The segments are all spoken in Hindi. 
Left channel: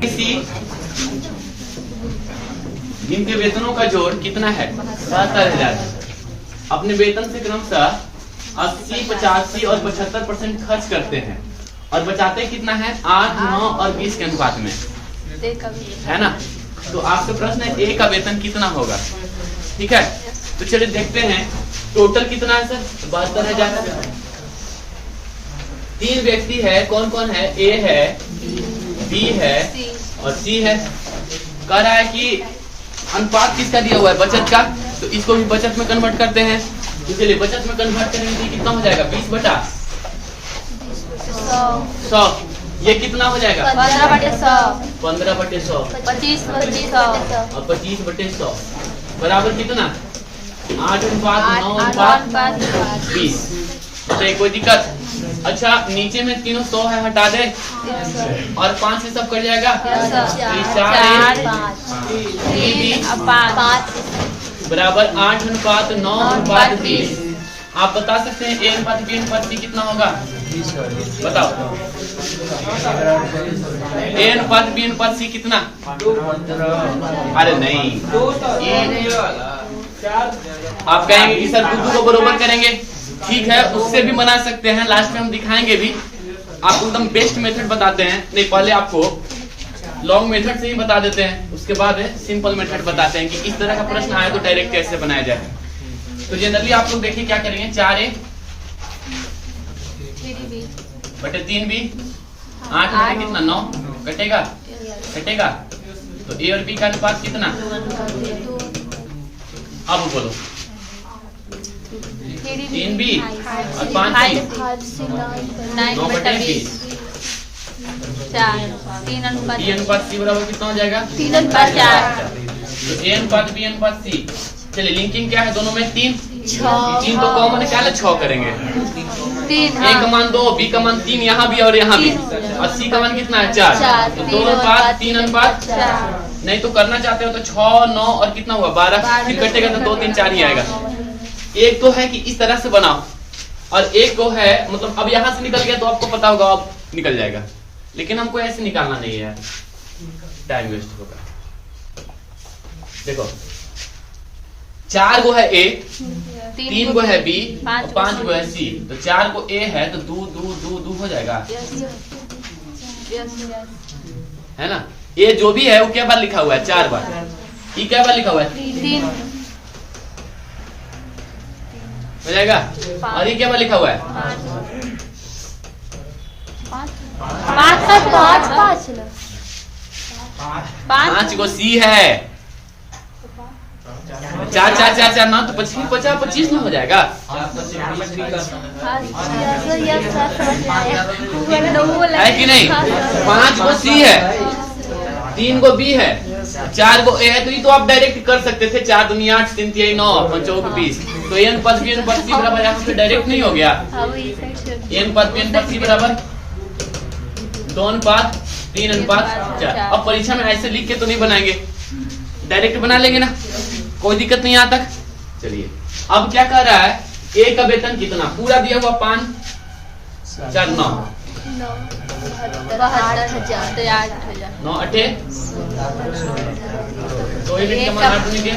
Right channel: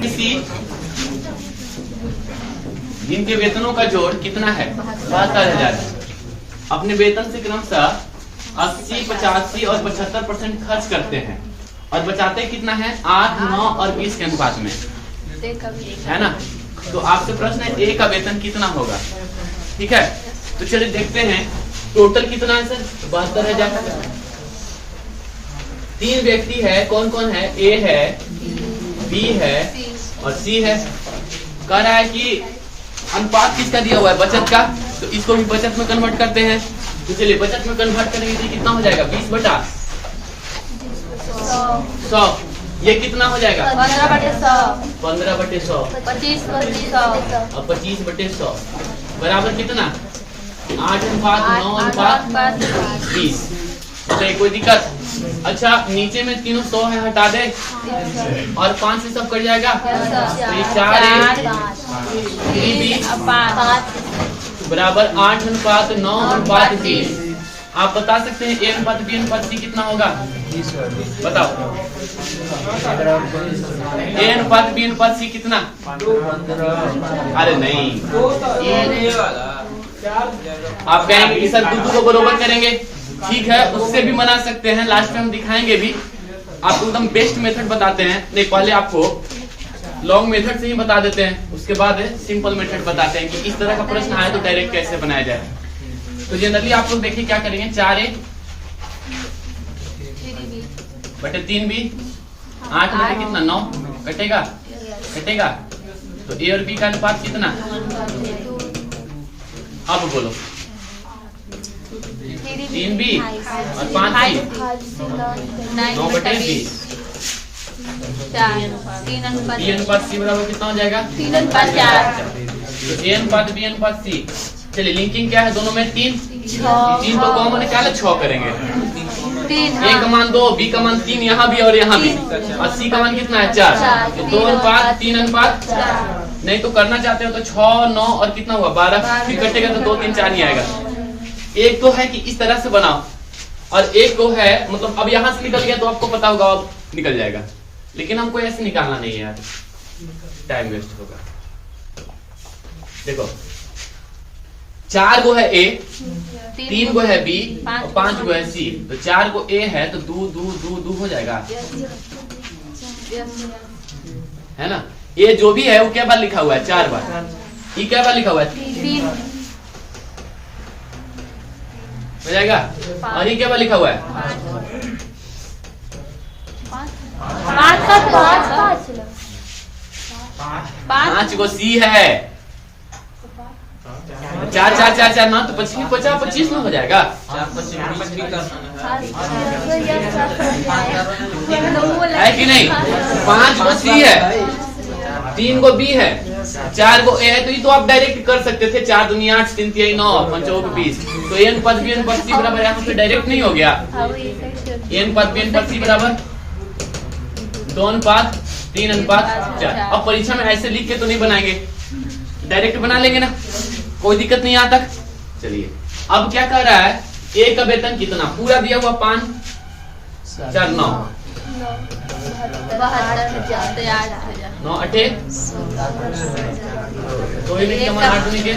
किसी जिनके वेतनों का जोड़ कितना है 72,000 अपने वेतन से क्रमशः 80, 85 और 75% खर्च करते हैं और बचाते कितना है 8, 9 और 20 के अनुपात में, है ना। तो आपसे प्रश्न है ए का वेतन कितना होगा, ठीक है। तो चलिए देखते हैं टोटल कितना है सर 72,000। 3 व्यक्ति है, कौन कौन है, ए है, बी है और सी है। कह रहा है कि अनुपात किसका दिया हुआ है, बचत का, तो इसको भी बचत में कन्वर्ट करते हैं। इसलिए बचत में कन्वर्ट करेंगे तो कितना हो जाएगा 20/100। ये कितना हो जाएगा 15/100, 15/100 25/100 और 25/100 बराबर कितना 8:9:20। तो कोई दिक्कत। अच्छा नीचे में तीनों 100 है, हटा दे और 5 से सब कट जाएगा। 4 बराबर 8:9:20। आप बता सकते हैं ए अनुपात बी अनुपात सी कितना होगा, बताओ। ए अनुपात बी अनुपात सी कितना, अरे नहीं, आप कहेंगे कि सर दूध को बरोबर करेंगे, ठीक है, उससे भी बना सकते हैं, लास्ट में हम दिखाएंगे भी। आपको एकदम बेस्ट मेथड बताते हैं, नहीं पहले आपको लॉन्ग मेथड से ही बता देते हैं, उसके बाद सिंपल मेथड बताते हैं कि इस तरह का प्रश्न आए तो डायरेक्ट कैसे बनाया जाए। तो जनरली आप लोग देखिए क्या करेंगे, 4A बटे 3B, 8 बटे कितना 9 कटेगा, तो ए और बी का अनुपात कितना, अब बोलो 3B और 5B 9/20। बी अनुपात सी बराबर कितना हो जाएगा 3/4। तो ए अनुपात बी अनुपात सी। चलिए लिंकिंग क्या है दोनों में 3 को कॉमन है, क्या 6 करेंगे। ए का मान 2, बी का मान 3, यहाँ भी और यहाँ भी, और सी का मान कितना है 4। तो 2:3:4। नहीं तो करना चाहते हो तो 6, 9 और कितना हुआ 12, फिर कटेगा तो 2, 3, 4 ही आएगा। एक तो है कि इस तरह से बनाओ और एक को है मतलब अब यहाँ से निकल गया तो आपको पता होगा अब निकल जाएगा, लेकिन हमको ऐसे निकालना नहीं है, टाइम वेस्ट होगा। देखो 4 गो है ए, 3 गो है बी और 5 गो है सी। तो 4 को ए है तो 2 हो जाएगा, है ना। ये जो भी है वो क्या बार लिखा हुआ है 4 बार, ये क्या बार लिखा हुआ है 3 हो जाएगा, और ये क्या बार लिखा हुआ है 5 गो सी है। 4 4 4 4 9 तो 25 में हो जाएगा। है कि नहीं, 5 गो सी है, 3 गो बी है, 4 गो ए है, तो ये तो आप डायरेक्ट कर सकते थे 4 दूनी 8, 3 3 9 5 4 20। तो ए अनुपात बी अनुपात सी बराबर यहाँ पे डायरेक्ट नहीं हो गया। ए अनुपात बी अनुपात सी बराबर 2:3:4। अब परीक्षा में ऐसे लिख के तो नहीं बनाएंगे, डायरेक्ट बना लेंगे ना, कोई दिक्कत नहीं यहाँ तक। चलिए अब क्या कह रहा है, ए का वेतन कितना पूरा दिया हुआ 5 4 9 9 8 तो ये भी 8 के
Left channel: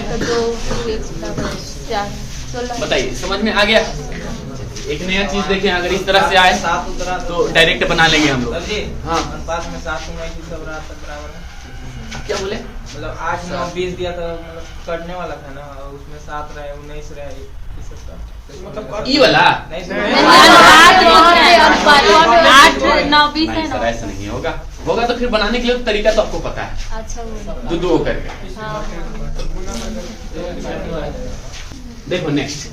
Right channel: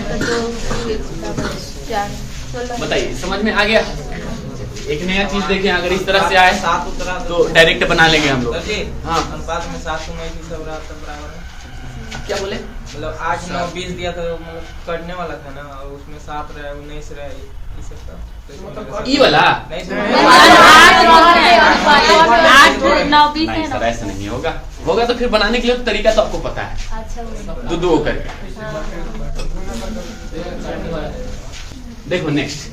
बताइए, समझ में आ गया। एक नया चीज देखें, अगर इस तरह से आए तो डायरेक्ट बना लेंगे हम लोग। हाँ क्या बोले, मतलब 8 9 20 दिया था, मतलब करने वाला था ना, और उसमें 7 रहा 19 रहा, ई वाला 8 9 20 है ना, ऐसा नहीं होगा तो फिर बनाने के लिए तरीका तो आपको पता है, दो करके। देखो नेक्स्ट,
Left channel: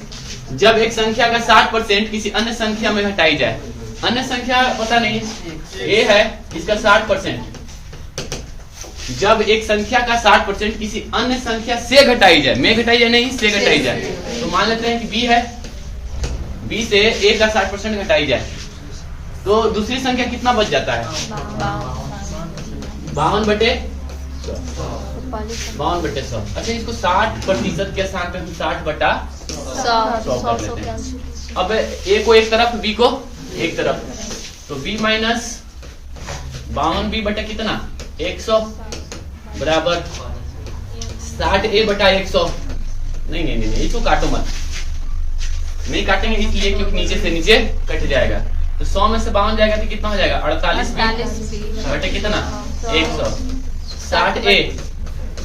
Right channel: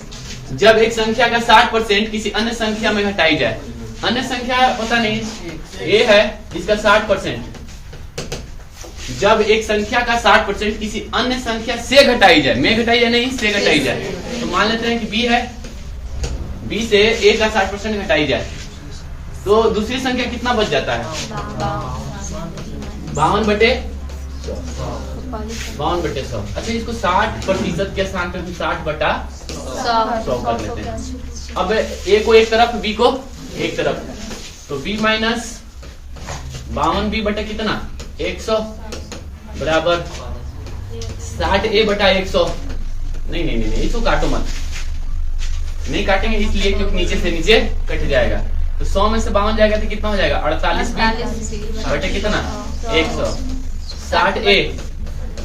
जब एक संख्या का 60% किसी अन्य संख्या में घटाई जाए, अन्य संख्या पता नहीं ए है, इसका 60%, जब एक संख्या का 60% किसी अन्य संख्या से घटाई जाए, में घटाई जाए नहीं से घटाई जाए, तो मान लेते हैं कि बी है, बी से ए का 60% घटाई जाए तो दूसरी संख्या कितना बच जाता है 52/100। अच्छा इसको 60% के साथ 60/100 कर लेते हैं। अब ए को एक तरफ, बी को एक तरफ, तो बी माइनस 52B बटे कितना 100 बराबर 60A बटा 100। नहीं इसको काटो मत, नहीं काटेंगे इसलिए क्योंकि नीचे से नीचे कट जाएगा। तो 100 में से 52 जाएगा तो कितना हो जाएगा 48 बटे कितना 100। 60A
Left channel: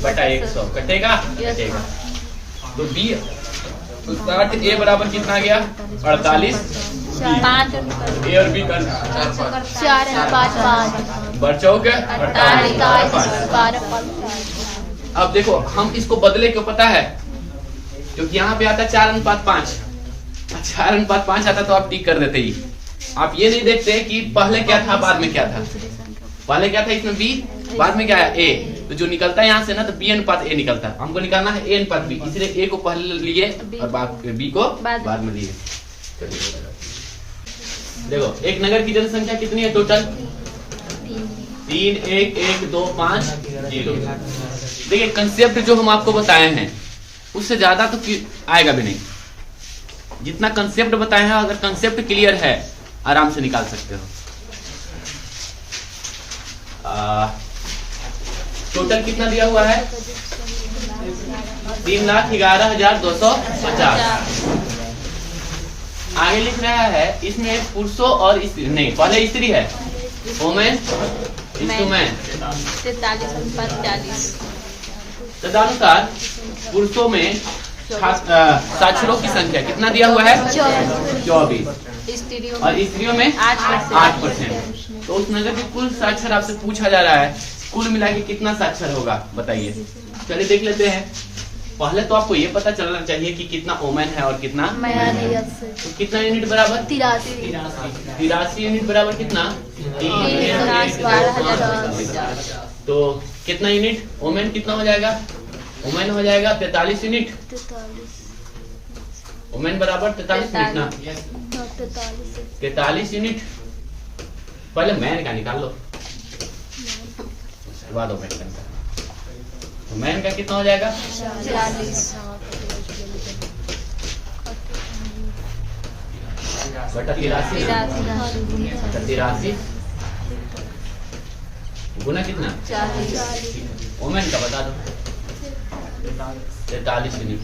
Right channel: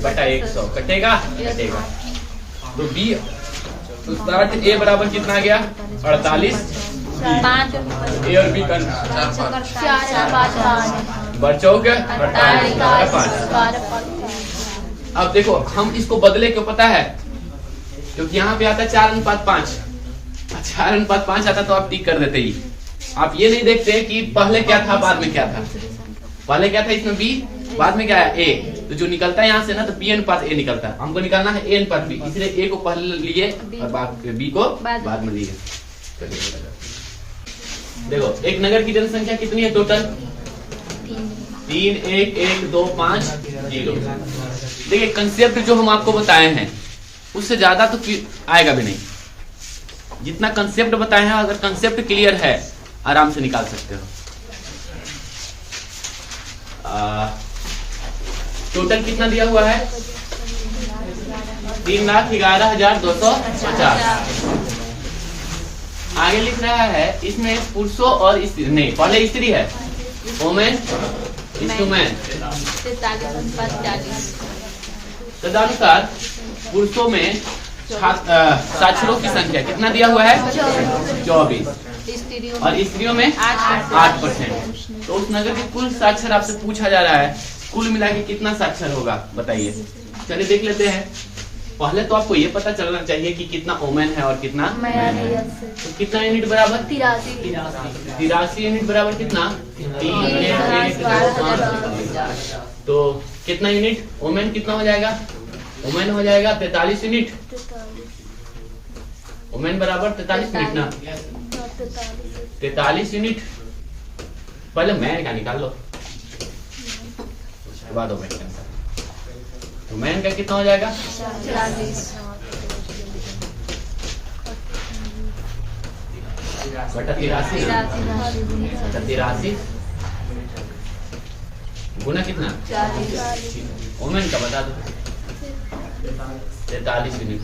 बटा 100 कटेगा कटेगा। तो B तो 60A बराबर कितना आ गया 48। ए और बी का बचाओ क्या 48। अब देखो हम इसको बदले क्यों पता है, क्योंकि यहाँ पे आता 4:5। 4:5 आता तो आप टिक कर देते ही। आप ये नहीं देखते कि पहले क्या था बाद में क्या था। पहले क्या था इसमें बी, बाद में क्या है ए। तो जो निकलता है यहाँ से ना तो बी अनुपात ए निकलता है। हमको निकालना है ए अनुपात बी, इसलिए ए को पहले लिए और बी को बाद में लिए। देखो एक नगर की जनसंख्या कितनी है टोटल 31125 देखिए कंसेप्ट जो हम आपको बताए हैं उससे ज्यादा तो आएगा भी नहीं। जितना कंसेप्ट बताए हैं अगर कंसेप्ट क्लियर है आराम से निकाल सकते हो। टोटल कितना दिया हुआ है 3,11,250। आगे लिख रहा है इसमें पुरुषों और स्त्री नहीं, पहले स्त्री है वोमेन इंस्ट्रूमेंट। तदनुसार पुरुषों में साक्षरों की संख्या कितना दिया हुआ है 24 और स्त्रियों में 8%। तो उस नगर के कुल साक्षर आपसे पूछा जा रहा है कुल मिला के कितना साक्षर होगा बताइए। चलिए देख लेते हैं। पहले तो आपको ये पता चलना चाहिए कि कितना वोमेन है और कितना मैन है। तो कितना यूनिट बराबर 83 यूनिट बराबर कितना 3 तो कितना यूनिट वोमेन कितना हो जाएगा वोमेन हो जाएगा 43 यूनिट। वोमेन बराबर 43 यूनिट ना 43 यूनिट। पहले मैन का निकाल लो उसके बाद वोमेन का। तो मैन का कितना हो जाएगा 40 बटा 83 गुना कितना वोमेन का बता दो 43 यूनिट।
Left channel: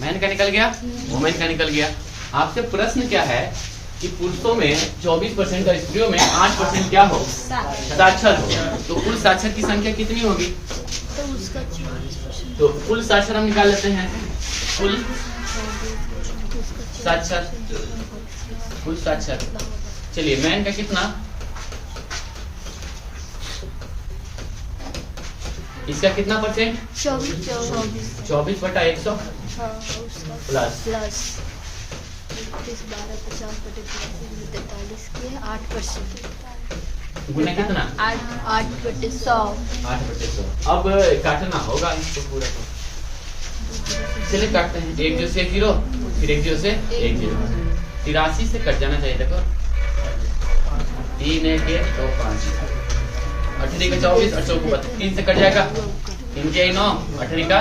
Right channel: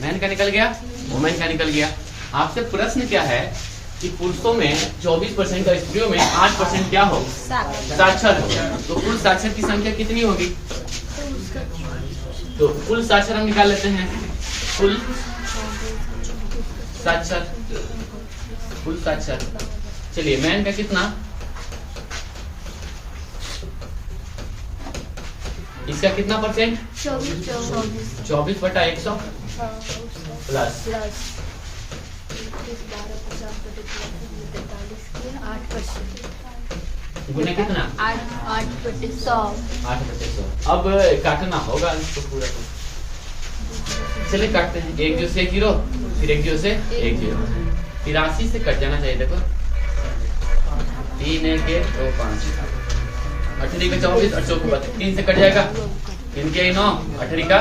मैन का निकल गया वोमेन का निकल गया। आपसे प्रश्न क्या है कि पुरुषों में 24% और स्त्रियों में 8% क्या हो साक्षर हो। तो कुल साक्षर की संख्या कितनी होगी। तो कुल साक्षर हम निकाल लेते हैं। कुल साक्षर चलिए मैन का कितना इसका कितना परसेंट 24 बटा 100 प्लस 8% गुना कितना 8/100। अब काटना होगा इसको पूरा को। चलिए काटते हैं। 1 0 से 1 0 फिर 1 0 से 1 0। 83 से कट जाना चाहिए। देखो 3 1 1 2 5 18 का 24 और 4 को 3 से कट जाएगा 3 के 9 18 का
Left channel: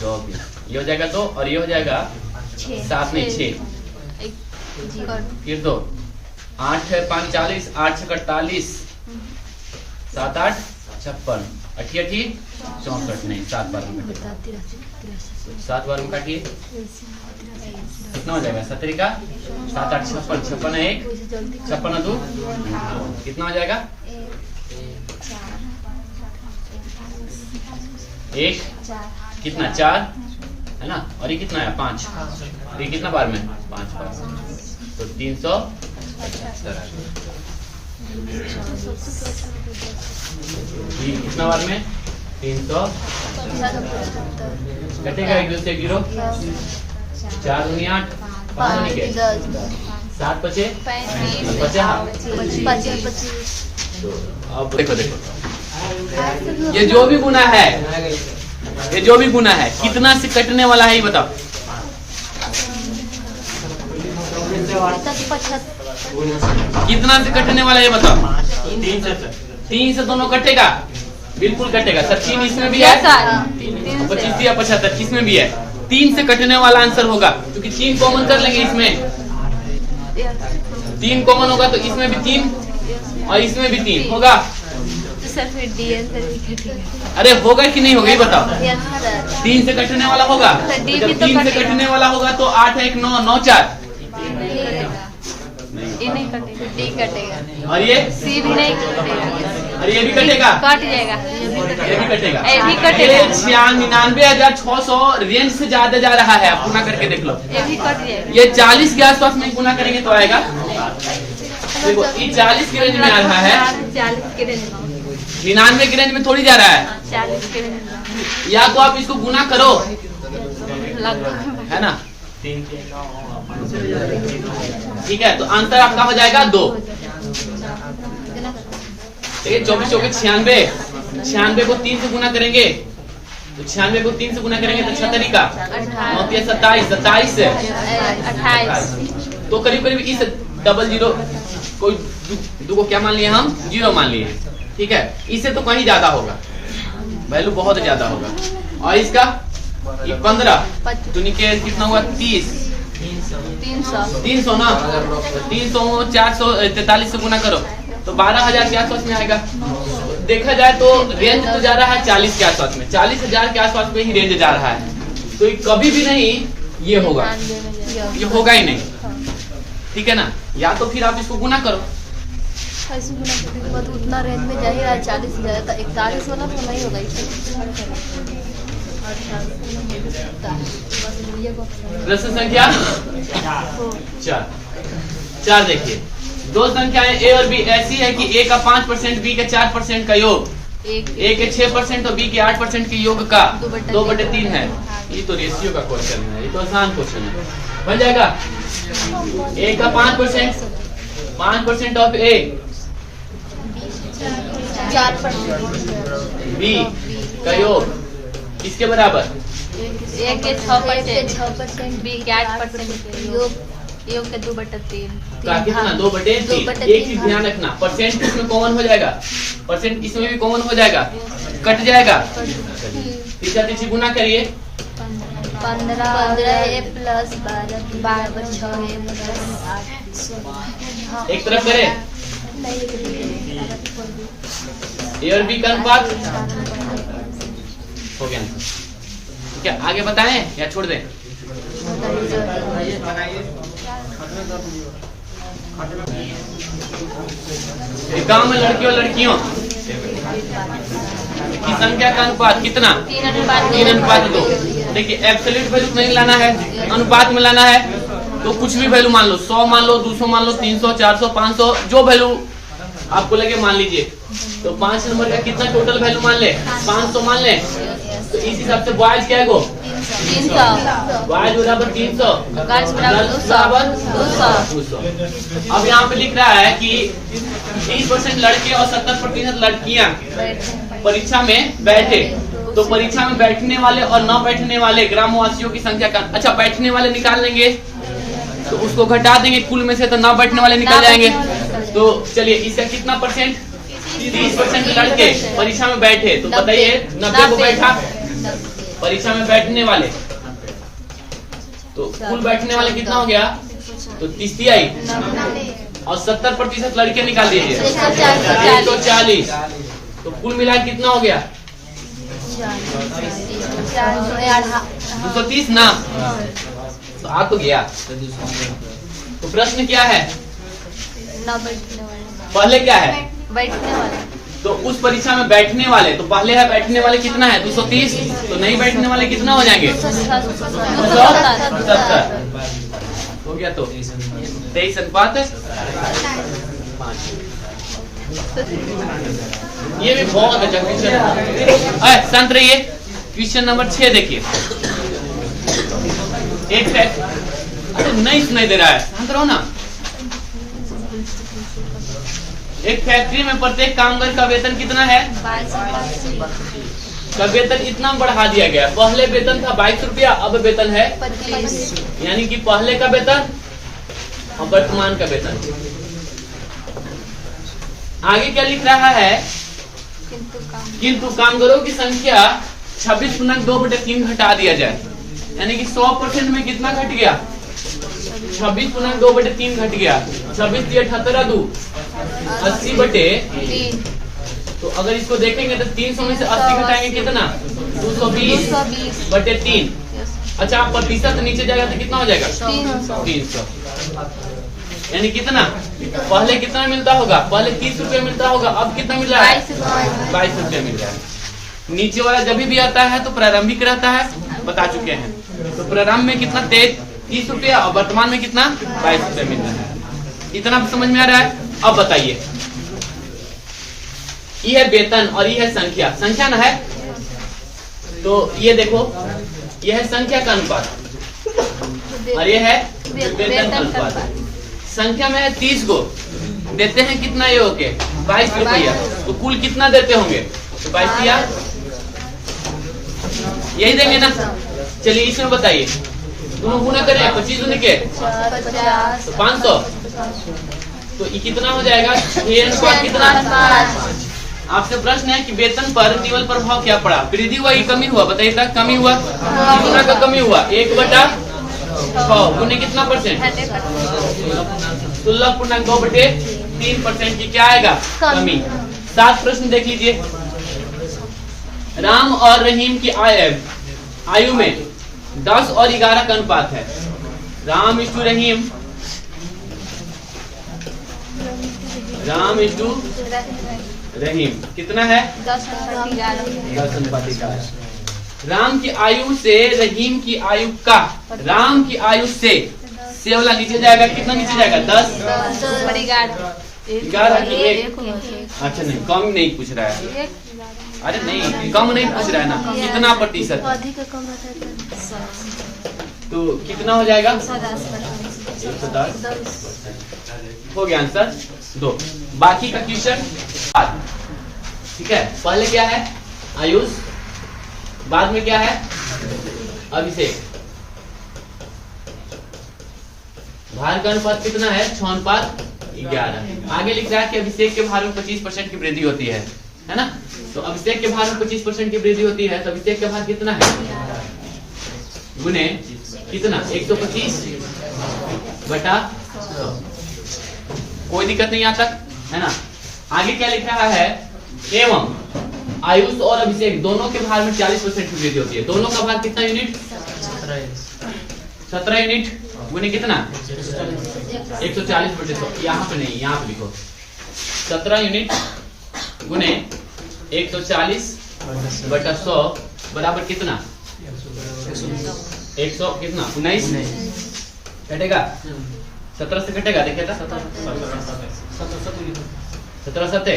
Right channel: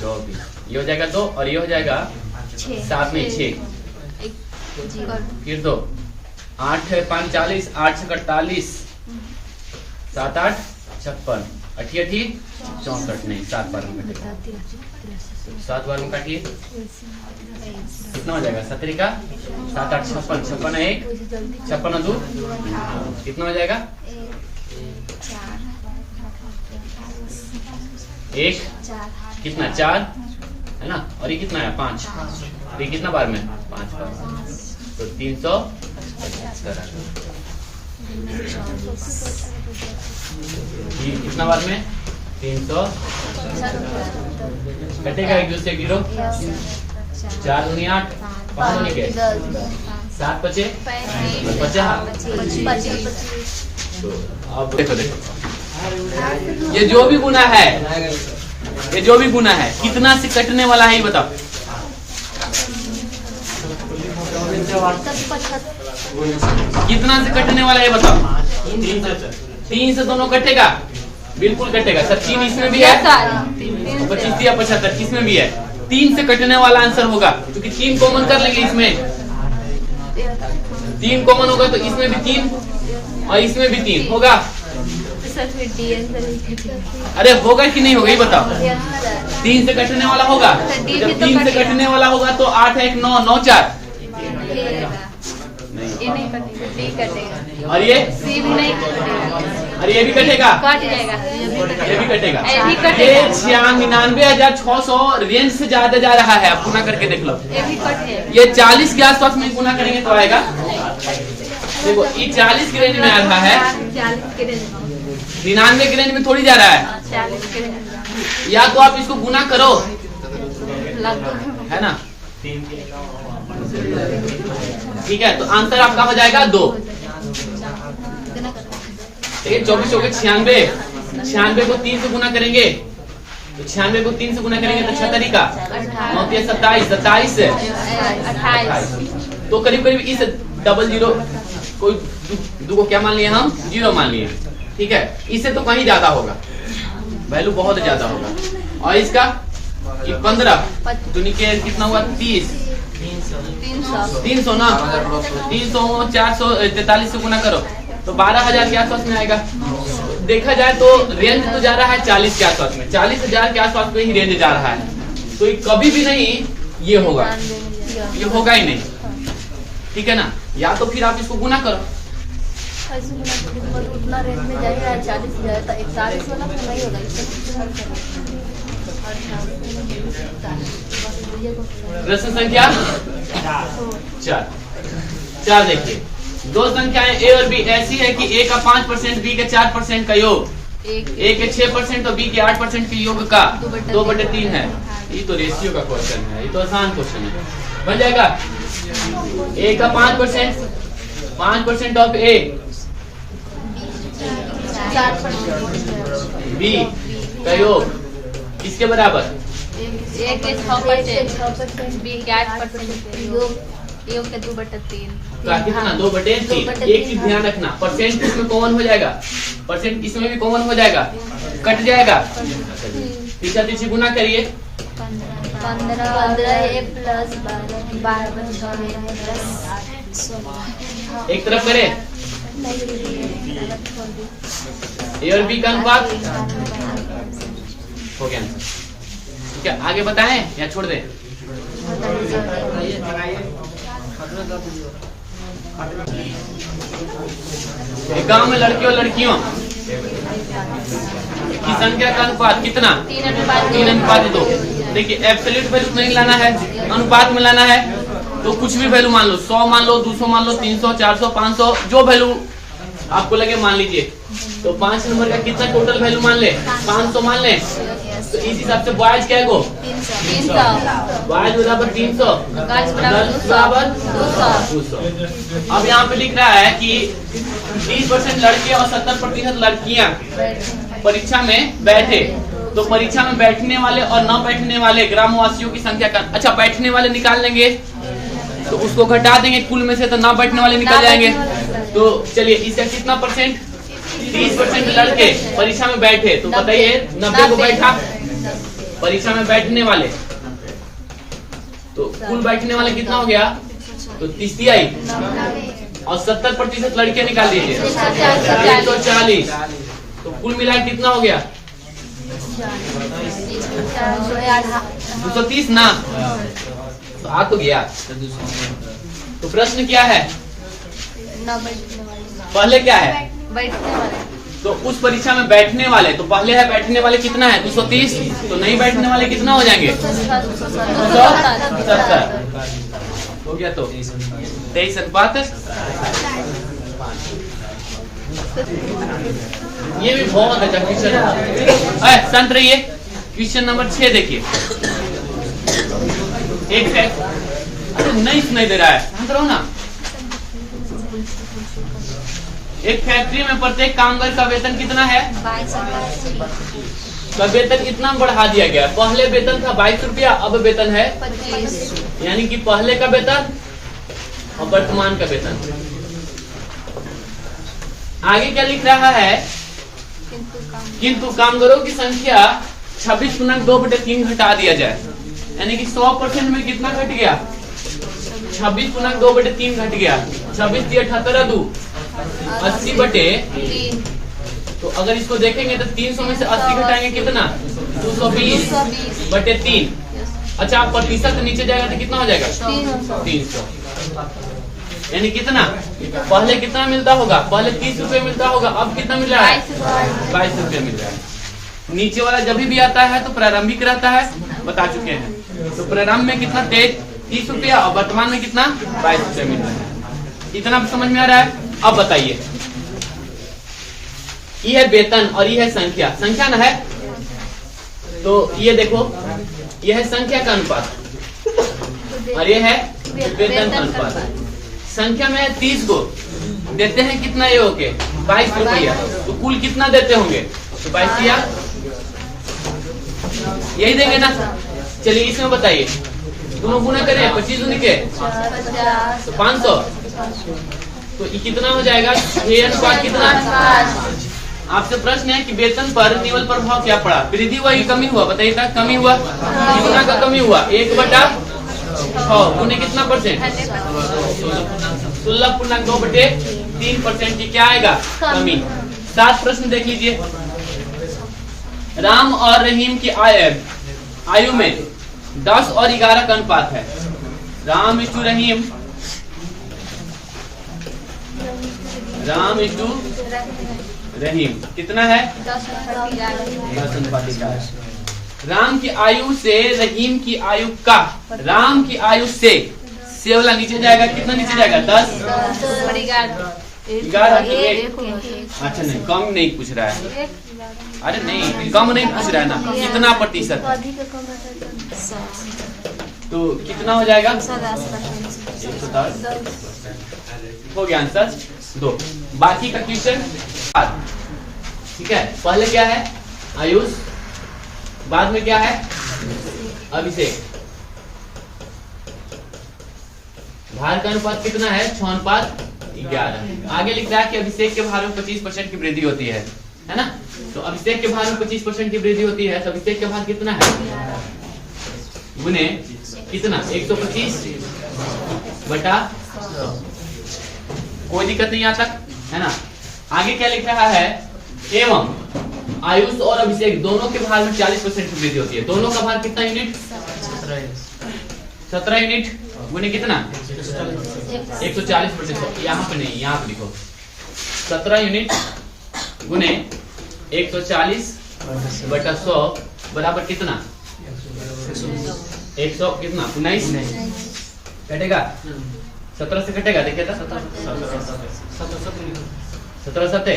24 ये हो जाएगा 2 और ये हो जाएगा 7 में 6 फिर 2 8 है 5 40 8 से 48 7 8 56 88 64 नहीं 7 बार में कटेगा 7 बार में काटिए कितना हो जाएगा 17 का 7 8 56 56 है 1 56 है 2 कितना हो जाएगा 1 कितना 4 है ना और ये कितना है 5 ये कितना बार में 5 बार तो 375 ये कितना बार में 300 कटेगा 1 2 से 0 4 दूनी 8 5 दूनी के 7 बचे 50। तो अब देखो ये जो भी गुना है कितना से कटने वाला है ये बताओ। कितना से कटने वाला है बताओ। 3 से दोनों कटेगा बिल्कुल कटेगा। 3 इसमें भी है 25 या 75 किसमें भी है 3 से कटने वाला आंसर होगा, क्योंकि 3 कॉमन कर लेंगे इसमें, 3 कॉमन होगा तो इसमें भी 3 और इसमें भी 3 होगा। सर फिर डी आंसर अरे होगा कि नहीं होगा ये बताओ। आंसर 3 से कटने वाला होगा, डी जब भी तो 3 से कटेगा। कटने वाला होगा तो 8 1 9 9 4 ये नहीं कटेगा, डी कटेगा, और ये सी भी नहीं कटेगा, और ये भी कटेगा, कट जाएगा, ये भी कटेगा। ये भी कटेगा। ये 99,600 रेंज से ज्यादा जा रहा है, आप गुना करके देख लो। ये भी कट जाएगा। ये 40 के आसपास में गुना करेंगे तो आएगा। देखो ये 40 की रेंज में आ रहा है, 40 के रेंज में, 99 की रेंज में थोड़ी जा रहा है। 40 के रेंज में या तो आप इसको गुना करो, लगभग है ना, ठीक है। तो आंसर आपका हो जाएगा 2। देखिए 24 हो गए 96, 96 को 3 से गुना करेंगे तो 96 को 3 से गुना करेंगे तो 6 तरीका 9 के 27, 27 से 28 तो करीब करीब इस डबल जीरो कोई दो को क्या मान लिए हम, 0 मान लिए, ठीक है। इससे तो कहीं ज्यादा होगा, वैल्यू बहुत ज्यादा होगा। और इसका ये 15 तो नीचे कितना हुआ 30, 300 ना, 300 443 से गुना करो तो 12,000 के आसपास में आएगा। देखा जाए तो रेंज तो जा रहा है 40 के आसपास में, 40,000 के आसपास में ही रेंज जा रहा है। तो ये कभी भी नहीं ये होगा, ये होगा ही नहीं, ठीक है ना। या तो फिर आप इसको गुना करो, कितना रेंज में जाएगा, 40,000 तो 41 वाला तो नहीं होगा। प्रश्न संख्या 4 देखिए, दो संख्याएं ए और बी ऐसी है कि ए का 5%, बी के 4% का योग, ए के 6% और बी के 8% के योग का 2/3 है। ये तो रेशियो का क्वेश्चन है, ये तो आसान क्वेश्चन है, बन जाएगा। ए का 5% ऑफ ए, बी का योग किसके बराबर, ए के 6%, बी के 8%, योग के 2/3। क्या ना 2/3। एक चीज ध्यान रखना, परसेंट इसमें कॉमन हो जाएगा, परसेंट इसमें भी कॉमन हो जाएगा, कट जाएगा। ठीक है, इसे गुना करिए, 15 ए प्लस 12 एक तरफ करे ए और बी का अनुपात हो गया आंसर। ठीक है, आगे बताएं या छोड़ दें। गांव में लड़के और लड़कियों की संख्या का अनुपात कितना, 3:2। देखिए एब्सोल्यूट वैल्यू नहीं लाना है, अनुपात में लाना है। तो कुछ भी वैल्यू मान लो, 100 मान लो, 200 मान लो, 300, 400, 500, जो वैल्यू आपको लगे मान लीजिए। तो 5 नंबर का कितना टोटल वैल्यू मान ले, 500 मान ले। तो इस हिसाब से बॉयज क्या है गो, 300, बॉयज बराबर 300, गर्ल्स बराबर 200। अब यहाँ पे लिख रहा है कि 20% लड़के और 70% लड़कियां परीक्षा में बैठे। तो परीक्षा में बैठने वाले और न बैठने वाले ग्रामवासियों की संख्या का, अच्छा बैठने वाले निकाल लेंगे तो उसको घटा देंगे कुल में से, तो न बैठने वाले निकल जाएंगे। तो चलिए इसका कितना परसेंट, 30% लड़के परीक्षा में बैठे। तो बताइए 90 को बैठा परीक्षा में बैठने वाले, तो कुल बैठने वाले कितना हो गया, तो 30 आई और 70% लड़के निकाल दीजिए, 140। तो कुल मिला कितना हो गया, 230 ना। तो आ तो गया। तो प्रश्न क्या है, पहले क्या है, बैठने वाले, तो उस परीक्षा में बैठने वाले, तो पहले है बैठने वाले कितना है 230, तो नहीं बैठने वाले कितना हो जाएंगे 270 हो गया। तो 23:5। ये भी बहुत अच्छा क्वेश्चन है। शांत रहिए, क्वेश्चन नंबर 6 देखिए। एक है, अरे नहीं सुनाई दे रहा है, शांत रहो ना। एक फैक्ट्री में प्रत्येक कामगार का वेतन कितना है, का वेतन इतना बढ़ा दिया गया। पहले वेतन था 22 रुपया, अब वेतन है 25। यानी कि पहले का वेतन और वर्तमान का वेतन। आगे क्या लिख रहा है, किंतु कामगारों की संख्या 26 गुना 2/3 घटा दिया जाए। यानी कि 100% में कितना घट गया? 26/2/3 घट गया। 26 × 78 2 80/3। तो अगर इसको देखेंगे तो 300 में से 80 घटाएंगे कितना? 220/3। अच्छा, प्रतिशत नीचे जाएगा तो कितना हो जाएगा? 300। यानी कितना? पहले कितना मिलता होगा? पहले 30 रुपए मिलता होगा, अब कितना मिल रहा है? 22 रुपए मिल रहा है। नीचे वाला जब भी आता है तो प्रारंभिक रहता है, बता चुके हैं। तो प्रारंभ में कितना? 30 रुपया, और वर्तमान में कितना? 22 रुपए मिल रहा है। इतना समझ में आ रहा है? अब बताइए, ये है वेतन और ये है संख्या। संख्या ना है, तो ये देखो, ये है संख्या का अनुपात और ये है वेतन का अनुपात। संख्या में 30 को देते हैं कितना? ये होके 22 रुपया। तो कुल कितना देते होंगे? तो 22 या यही देंगे ना। चलिए इसमें बताइए, दोनों गुना करें, 25 दूनी के तो 500। तो ये कितना हो जाएगा? ये अनुपात कितना? आपसे प्रश्न है कि वेतन पर केवल प्रभाव क्या पड़ा? वृद्धि हुआ, कमी हुआ? बताइए, तक कमी हुआ। कितना का कमी हुआ? 1/6 गुने कितना परसेंट? 16.2/3% की क्या आएगा? कमी। 7 प्रश्न देख लीजिए। राम और रहीम की आयु में 10 और 11 का अनुपात है। राम इस्टू रहीम, राम इस्टू रहीम कितना है? 10:11। राम की आयु से रहीम की आयु का, राम की आयु से वाला नीचे जाएगा, कितना नीचे जाएगा? 10 11। अच्छा नहीं, कम नहीं पूछ रहा है। अरे नहीं, कम नहीं पूछ रहा है ना, कितना प्रतिशत? तो कितना हो जाएगा? 110। हो गया आंसर 2। बाकी का क्वेश्चन ठीक है। पहले क्या है? आयुष, बाद में क्या है? अभिषेक। भार का अनुपात कितना है? 6:11। आगे लिख रहा है कि अभिषेक के भार में 25% की वृद्धि होती है ना। तो अभिषेक के भार में 25% की वृद्धि होती है, तो अभिषेक का भार कितना है? गुने कितना? 125/100। कोई दिक्कत नहीं यहाँ तक, है ना। आगे क्या लिख रहा है? एवं आयुष और अभिषेक दोनों के भार में 40% की वृद्धि होती है। दोनों का भार कितना यूनिट? 17 यूनिट गुने कितना? 140/100। यहाँ पे नहीं, यहाँ पे लिखो 17 यूनिट गुने 140/100 बराबर कितना? 100 कितना? 19 कटेगा। 17 से कटेगा, देखिएगा 17 7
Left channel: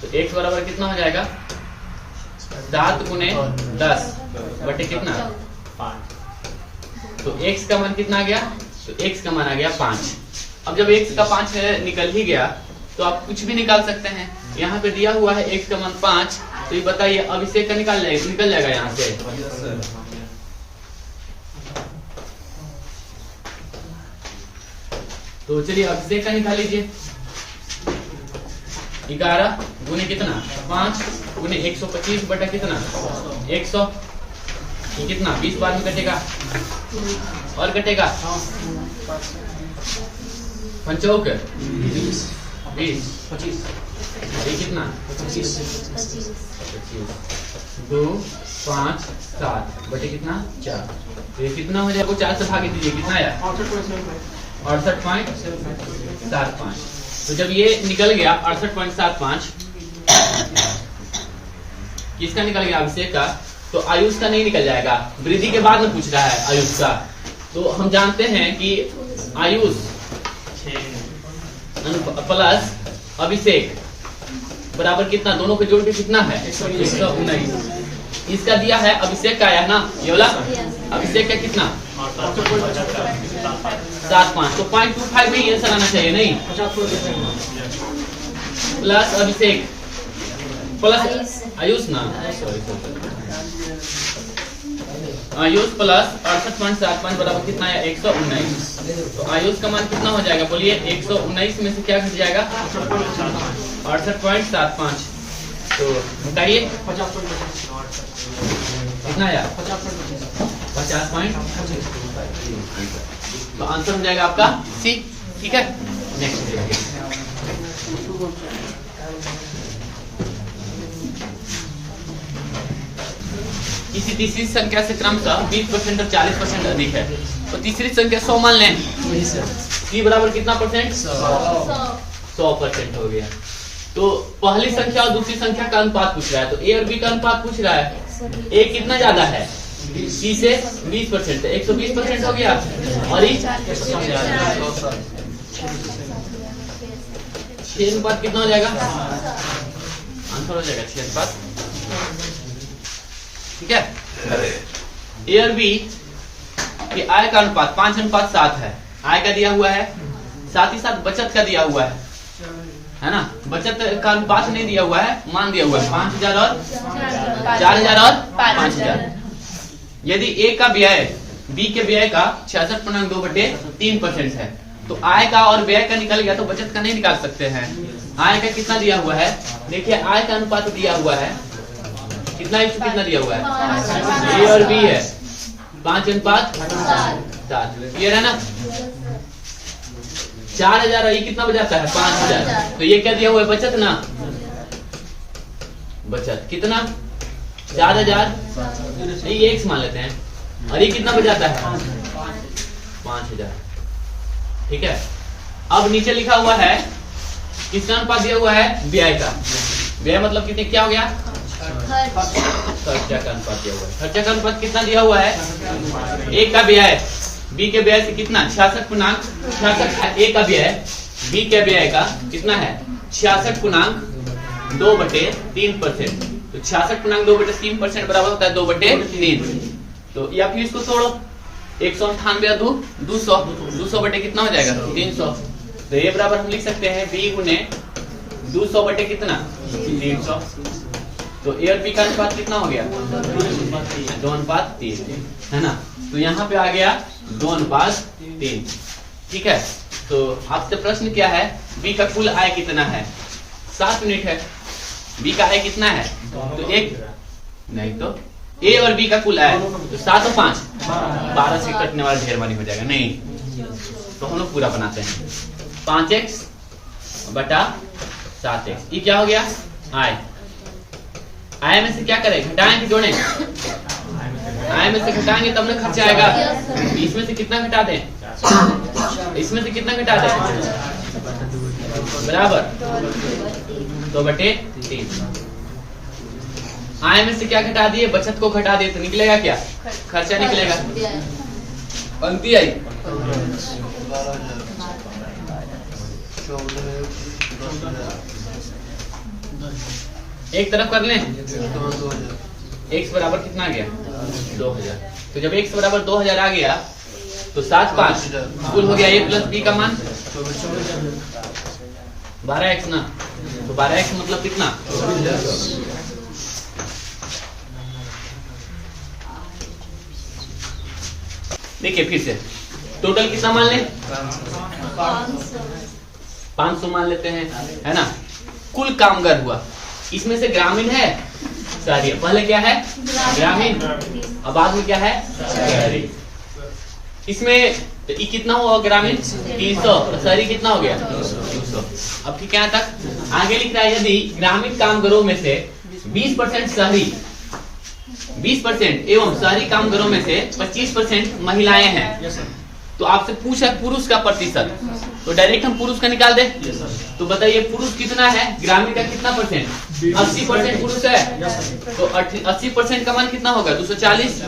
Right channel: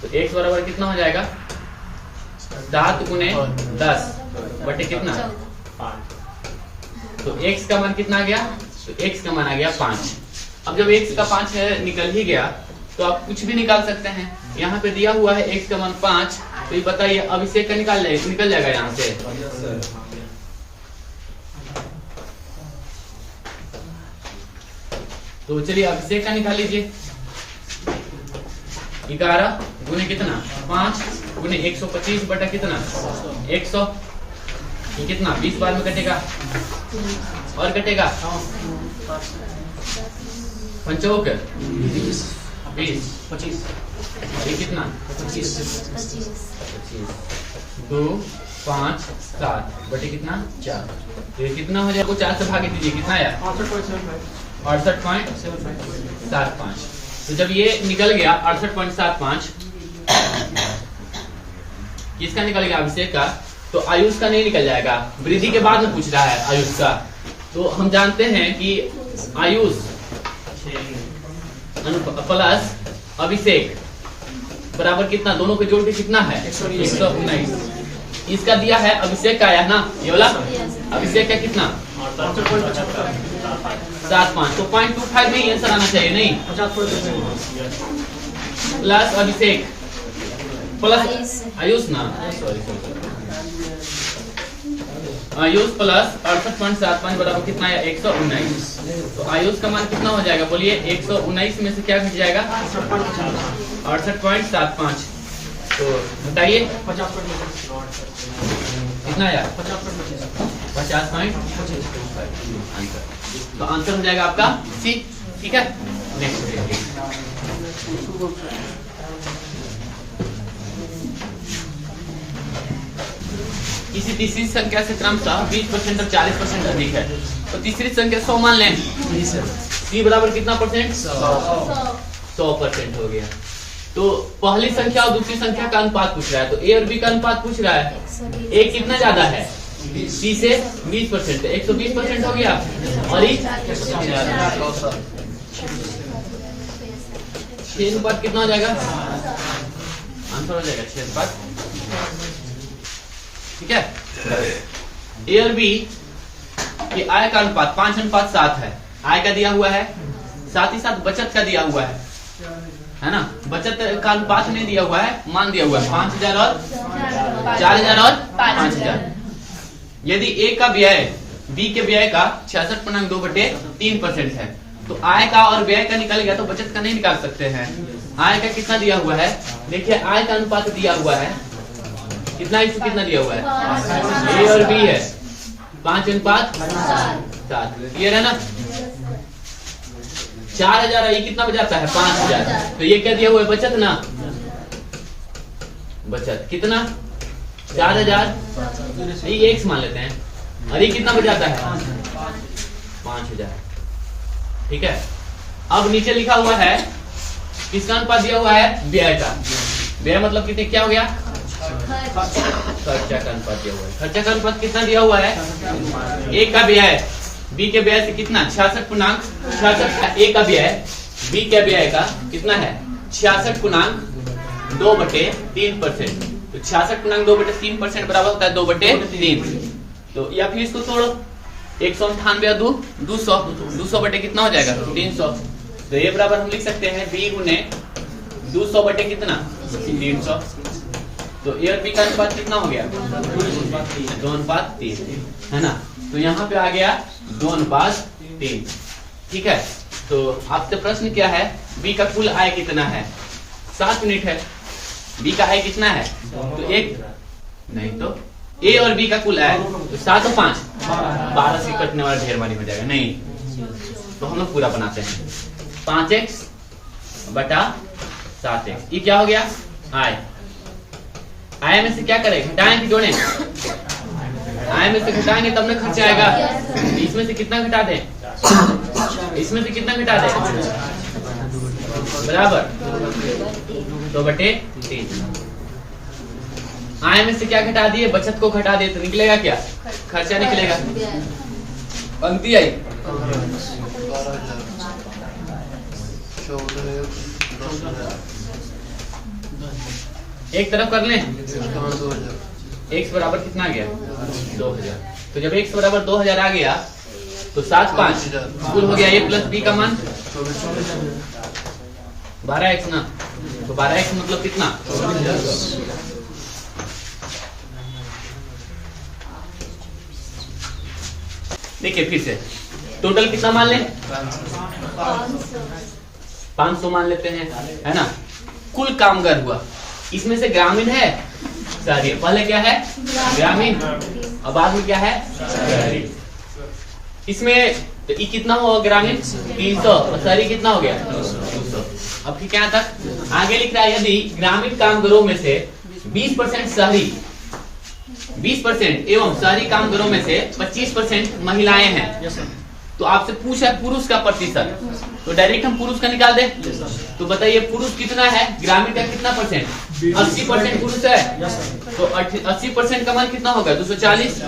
तो x बराबर कितना हो जाएगा? 7 गुने 10 बटे कितना? 5। तो x का मान कितना आ गया? तो x का मान आ गया 5। अब जब x का 5 निकल ही गया तो आप कुछ भी निकाल सकते हैं। यहाँ पे दिया हुआ है x का मान 5, तो ये बताइए अभिषेक का निकल जाएगा यहाँ से। तो चलिए अभिषेक का निकाल लीजिए। 11 गुने कितना? 5 गुने 125 बटा कितना? 100। ये कितना? 20 बार में कटेगा और कटेगा 5 20 25 ये कितना? 25 2 5 7 बटे कितना? 4। ये कितना हो जाएगा? 4 से भाग दीजिए, कितना आया? 68.75। तो जब ये निकल गया 68.75 किसका निकल गया? अभिषेक का। तो आयुष का नहीं निकल जाएगा, वृद्धि के बाद में पूछ रहा है आयुष का। तो हम जानते हैं कि आयुष प्लस अभिषेक बराबर कितना? दोनों के जोड़ के कितना है? 119। इसका दिया है, अभिषेक का आया ना ये वाला। अभिषेक का कितना? 7.5। तो 0.25 में आंसर आना चाहिए, नहीं? प्लस अभिषेक प्लस आयुष ना, सॉरी आयुष प्लस 68.75 बराबर कितना है? 119। तो आयुष का मान कितना हो जाएगा? बोलिए। 119 में से क्या घट जाएगा? 68.75। तो बताइए कितना आया? 50 50.25 आंसर। तो आंसर हो जाएगा आपका सी। ठीक है, नेक्स्ट देखिए। किसी तीसरी संख्या से क्रमशः 20% और 40% अधिक है, तो तीसरी संख्या 100 मान लें। सी बराबर कितना परसेंट? 100% हो गया। तो पहली संख्या और दूसरी संख्या का अनुपात पूछ रहा है, तो ए और बी का अनुपात पूछ रहा है। ए कितना ज्यादा है? सी से 20%, 120% हो गया। और ये 6 अनुपात कितना हो जाएगा? आंसर हो जाएगा 6 अनुपात। ठीक है, ए और बी कि आय का अनुपात 5:7 है। आय का दिया हुआ है, साथ ही साथ बचत का दिया हुआ है ना। बचत का अनुपात नहीं दिया हुआ है, मान दिया हुआ है 5000 और 4000 और 5000। यदि ए का व्यय बी के व्यय का 66.2/3% है, तो आय का और व्यय का निकल गया, तो बचत का नहीं निकाल सकते हैं। आय का कितना दिया हुआ है? देखिए आय का अनुपात दिया हुआ है कितना, इसको कितना दिया हुआ है? ए और बी है 5:7। क्लियर है ना? 4000 है, ये कितना बचाता है? 5000। तो ये क्या दिया हुआ है? बचत ना। बचत कितना? 4000, ये x मान लेते हैं। और ये कितना बचाता है? 5000। ठीक है, अब नीचे लिखा हुआ है किसका अनुपात दिया हुआ है? व्यय का। व्यय मतलब कितने, क्या हो गया? खर्चा का अनुपात दिया हुआ है। खर्चा का अनुपात कितना दिया हुआ है? ए का व्यय बी के व्यय से कितना? 66.66। ए का व्यय बी के व्यय का कितना है? 66.2/3%। तो 66.2/3% बराबर होता है 2/3। तो या फिर इसको तोड़ो, 198 2 200, 200 बटे कितना हो जाएगा? 300। तो ये बराबर हम लिख सकते हैं बी गुने 200 बटे कितना? 300। तो ए और बी का अनुपात कितना हो गया? 2:3 है ना। तो यहाँ पे आ गया 2:3। ठीक है, तो आपसे प्रश्न क्या है? बी का कुल आय कितना है? 7 यूनिट है। बी का आय कितना है? तो एक नहीं, तो ए और बी का कुल आय तो 7 और 5 12 से कटने वाला ढेर वाली हो जाएगा। नहीं, तो हम लोग पूरा बनाते हैं। 5x बटा 7x, ये क्या हो गया? आय। आय में से क्या करें? घटाएं कि जोड़ें? आय में से घटाएंगे तब ना खर्चा आएगा। इसमें से कितना घटा दें? इसमें से कितना घटा दें? बराबर 2/3। आय में से क्या घटा दिए? बचत को घटा दिए, तो निकलेगा क्या? खर्चा निकलेगा। पंक्ति आई। एक तरफ कर लें। x बराबर कितना आ गया? 2000। तो जब x बराबर 2000 आ गया, तो 7 5 कुल हो गया a प्लस b का मान 12x ना। तो 12x मतलब कितना? देखिए फिर से टोटल कितना मान लें? 500 मान लेते हैं, है ना। कुल कामगार हुआ, इसमें से ग्रामीण है शहरी। पहले क्या है? ग्रामीण, और बाद में क्या है? शहरी। इसमें तो ये कितना हुआ? ग्रामीण 300 और शहरी कितना हो गया? 200। अब ठीक यहाँ तक आगे लिख रहा है, यदि ग्रामीण कामगारों में से 20% शहरी, 20% एवं शहरी कामगारों में से 25% महिलाएं हैं, तो आपसे पूछा पुरुष का प्रतिशत, तो डायरेक्ट हम पुरुष का निकाल दे। तो बताइए पुरुष कितना है? ग्रामीण का कितना परसेंट? 80% पुरुष है, तो 80% का मान कितना होगा? 240।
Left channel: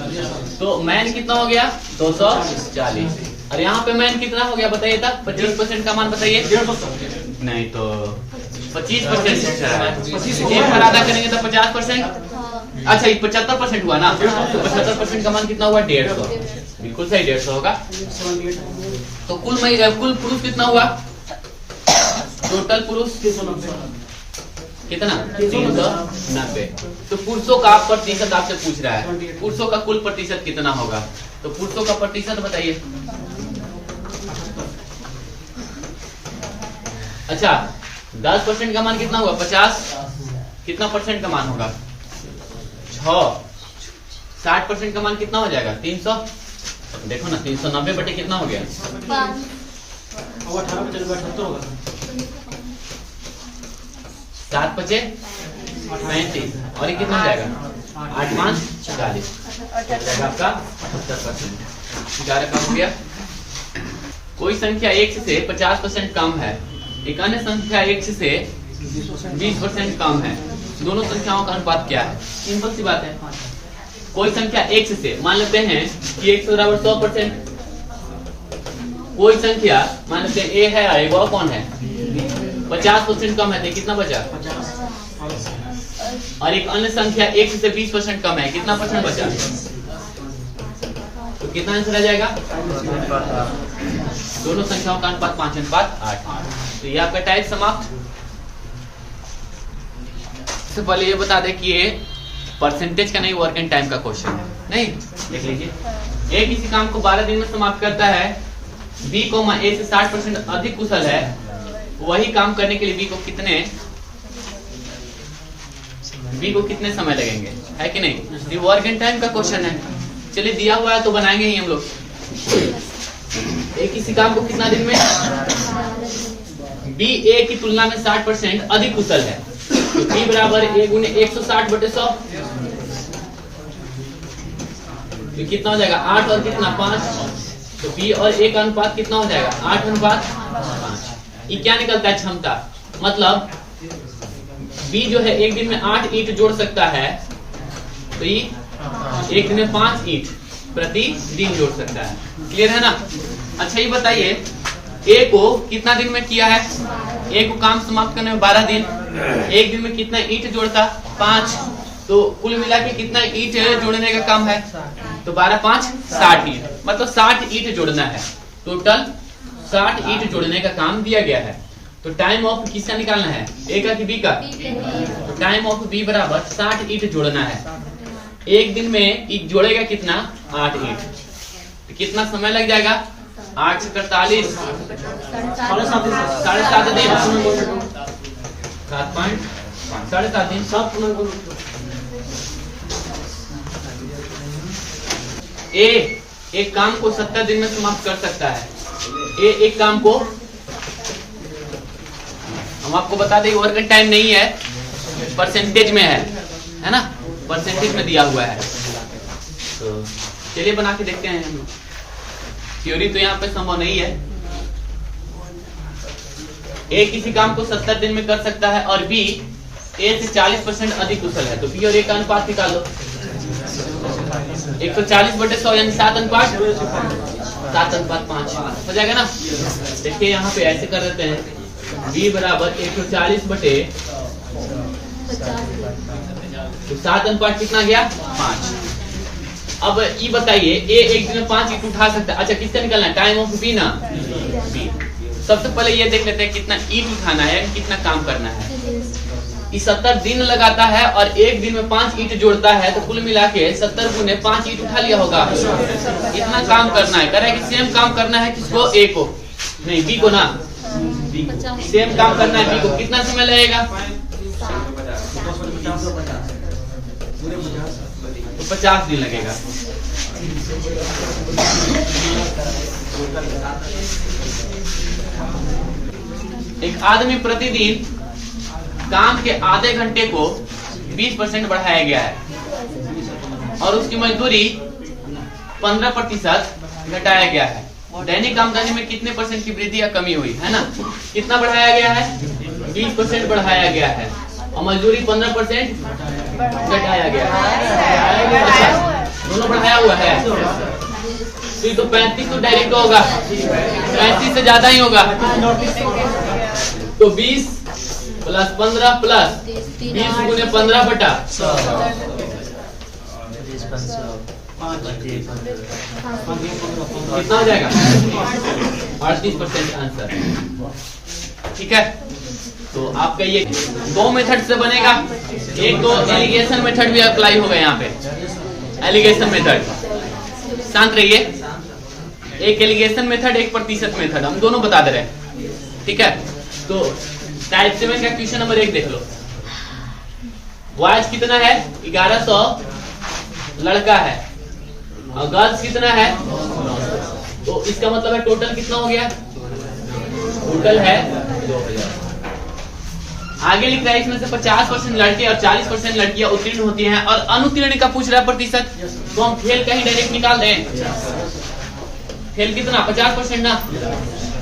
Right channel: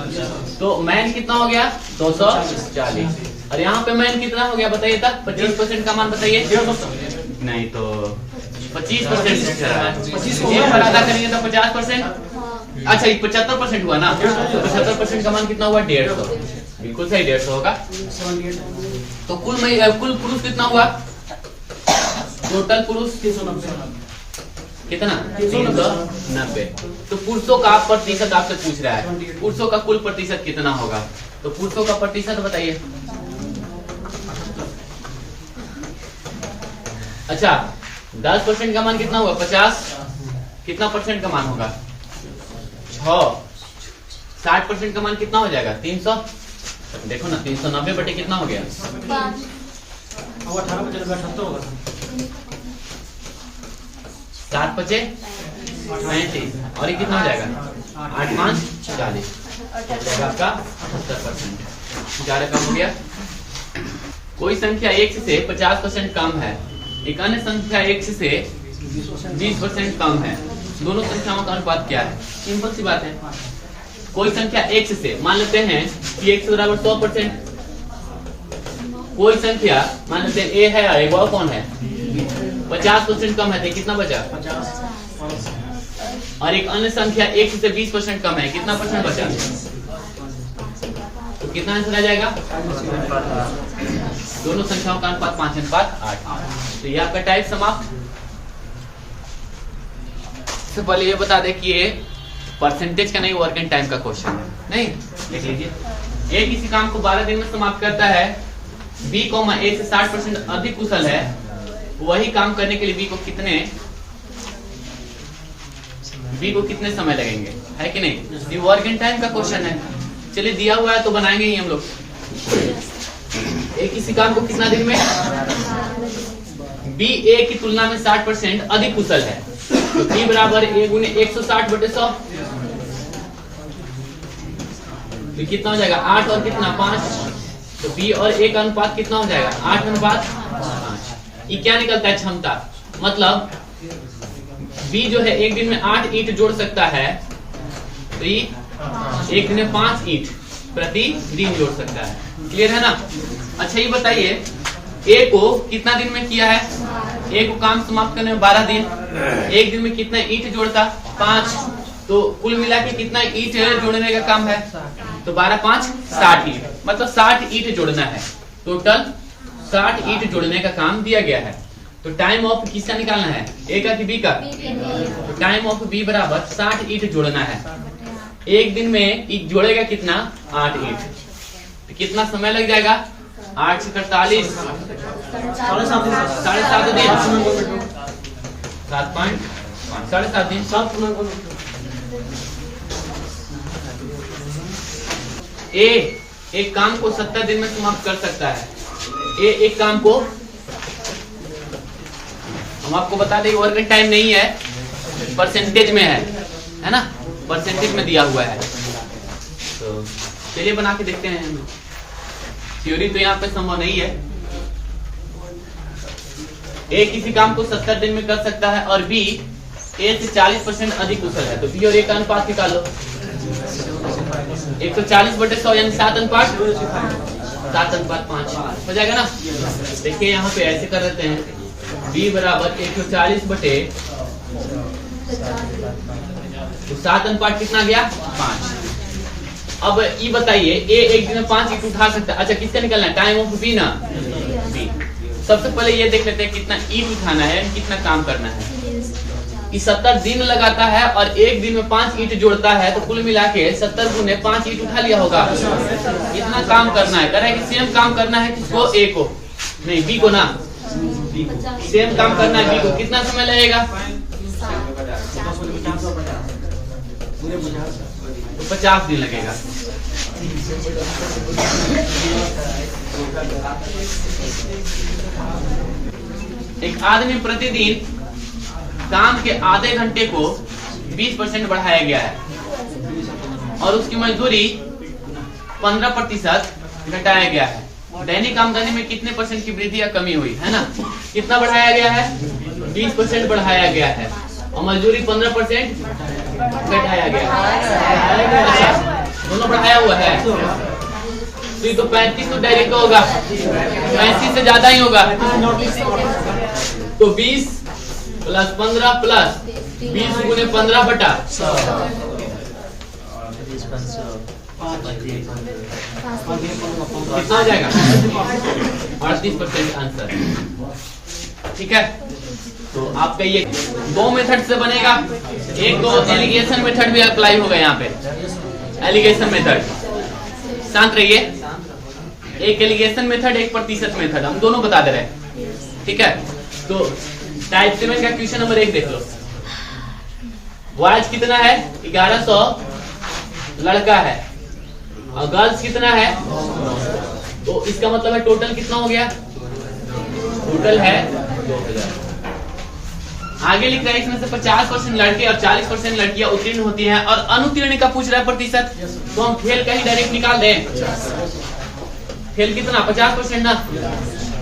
तो मैन कितना हो गया? 240। और यहाँ पे मैन कितना हो गया बताइए तक? 25% का मान बताइए। नहीं तो 25% आधा करेंगे तो 50%। अच्छा ये 75% हुआ ना, तो 75% का मान कितना हुआ? 150। बिल्कुल सही, 150 होगा। तो कुल पुरुष कितना हुआ? टोटल पुरुष 390। कितना? 390। तो पुरुषों का प्रतिशत आपसे पूछ रहा है, पुरुषों का कुल प्रतिशत कितना होगा? तो पुरुषों का प्रतिशत बताइए। अच्छा 10% का मान कितना हुआ? 50। कितना परसेंट का मान होगा? 6। 60% का मान कितना हो जाएगा 300। देखो ना 390 बटे कितना हो गया 18 बचे 78 होगा। 7 बचे 35 और ये कितना हो जाएगा 8 5 40 आपका 78%। ज्यादा कम हो गया। कोई संख्या x से 50% कम है, एक अन्य संख्या x से 20% कम है, दोनों संख्याओं का अनुपात क्या है? सिंपल सी बात है। कोई संख्या x से मान लेते हैं कि x बराबर 100%, कोई संख्या मान लेते हैं a है और एक और कौन है 50% कम है, तो कितना बचा 50। और एक अन्य संख्या x से 20% कम है, कितना परसेंट बचा? तो कितना आंसर आ जाएगा? दोनों संख्याओं का अनुपात 5:8। तो ये आपका टाइप समाप्त। इससे पहले ये बता दें कि ये परसेंटेज का नहीं, वर्क एंड टाइम का क्वेश्चन है। नहीं देख लीजिए, ए किसी काम को 12 दिन में समाप्त करता है, बी ए से 60% अधिक कुशल है, वही काम करने के लिए बी को कितने समय लगेंगे, है कि नहीं? ये वर्क एंड टाइम का क्वेश्चन है। चलिए दिया हुआ है तो बनाएंगे ही हम लोग। ए किसी काम को कितना दिन में, बी ए की तुलना में 60% अधिक कुशल है, तो बी बराबर ए गुने 160 बटे 100, तो कितना हो जाएगा 8 और कितना 5, तो बी और ए का अनुपात कितना हो जाएगा 8:5। ये क्या निकलता है क्षमता, मतलब बी जो है एक दिन में 8 ईंट जोड़ सकता है, तो ये एक दिन में 5 ईंट प्रति दिन जोड़ सकता है। क्लियर है ना? अच्छा ये बताइए ए को कितना दिन में किया है? ए को काम समाप्त करने में 12 दिन, एक दिन में कितना ईंट जोड़ता 5, तो कुल मिला के कितना ईंट जोड़ने का काम है? तो 12 5 60 ईंट, मतलब 60 ईंट जोड़ना है। टोटल 60 ईंट जोड़ने का काम दिया गया है। तो टाइम ऑफ किसका निकालना है, ए का कि बी का? तो टाइम ऑफ बी बराबर 60 ईंट जोड़ना है। एक दिन में ईंट जोड़ेगा कितना 8 ईंट, तो कितना समय लग जाएगा 8 से 48 7.5 दिन, 7.5 दिन 7.5 दिन 7। ए एक काम को 70 दिन में समाप्त कर सकता है। ए एक काम को, हम आपको बता दें वर्क टाइम नहीं है, परसेंटेज में है ना, परसेंटेज में दिया हुआ है। तो चलिए बना के देखते हैं हम लोग। थ्योरी तो यहाँ पे संभव नहीं है। ए किसी काम को 70 दिन में कर सकता है और बी ए से 40% अधिक कुशल है, तो बी और ए का अनुपात निकाल लो। 140 बटे 100 यानी 7:5 हो जाएगा ना। देखिए यहाँ पे ऐसे कर देते हैं, बी बराबर 140 बटे, तो 7:5 कितना गया 5। अब ये बताइए ए एक दिन में 5 ईंट उठा सकता है। अच्छा किससे निकलना है, टाइम ऑफ बी ना, बी। सबसे पहले ये देख लेते हैं कितना ईंट उठाना है, कितना काम करना है। 70 दिन लगाता है और एक दिन में 5 ईंट जोड़ता है, तो कुल मिला के 70 गुने 5 ईंट उठा लिया होगा। इतना काम करना है, कह रहा है कि सेम काम करना है किसको, ए को नहीं बी को ना, सेम काम करना है बी को। कितना समय लगेगा, तो 50 दिन लगेगा। एक आदमी प्रतिदिन काम के आधे घंटे को 20% बढ़ाया गया है और उसकी मजदूरी 15% घटाया गया है। दैनिक आमदनी में कितने परसेंट की वृद्धि या कमी हुई है ना? कितना बढ़ाया गया है, 20% बढ़ाया गया है और मजदूरी 15% घटाया गया है। दोनों बढ़ाया हुआ है, तो 35 तो डायरेक्ट होगा, 35 से ज्यादा ही होगा। तो 20 प्लस 15 प्लस 20 गुने 15 बटा 100, कितना हो जाएगा 38% आंसर। ठीक है, तो आपका ये 2 मेथड से बनेगा। एक तो एलिगेशन मेथड भी अप्लाई होगा यहाँ पे, एलिगेशन मेथड। शांत रहिए, एक एलिगेशन मेथड, एक प्रतिशत मेथड, हम दोनों बता दे रहे हैं। ठीक है, तो टाइप 7 का क्वेश्चन नंबर 1 देख लो। वाज कितना है 1100 लड़का है और गर्ल्स कितना है, तो इसका मतलब है टोटल कितना हो गया, टोटल है 2000। आगे लिख रहा है इसमें से 50% लड़के और 40% लड़कियां उत्तीर्ण होती हैं और अनुत्तीर्ण का पूछ रहा है प्रतिशत, तो हम फेल का ही डायरेक्ट निकाल दें। फेल कितना 50% ना,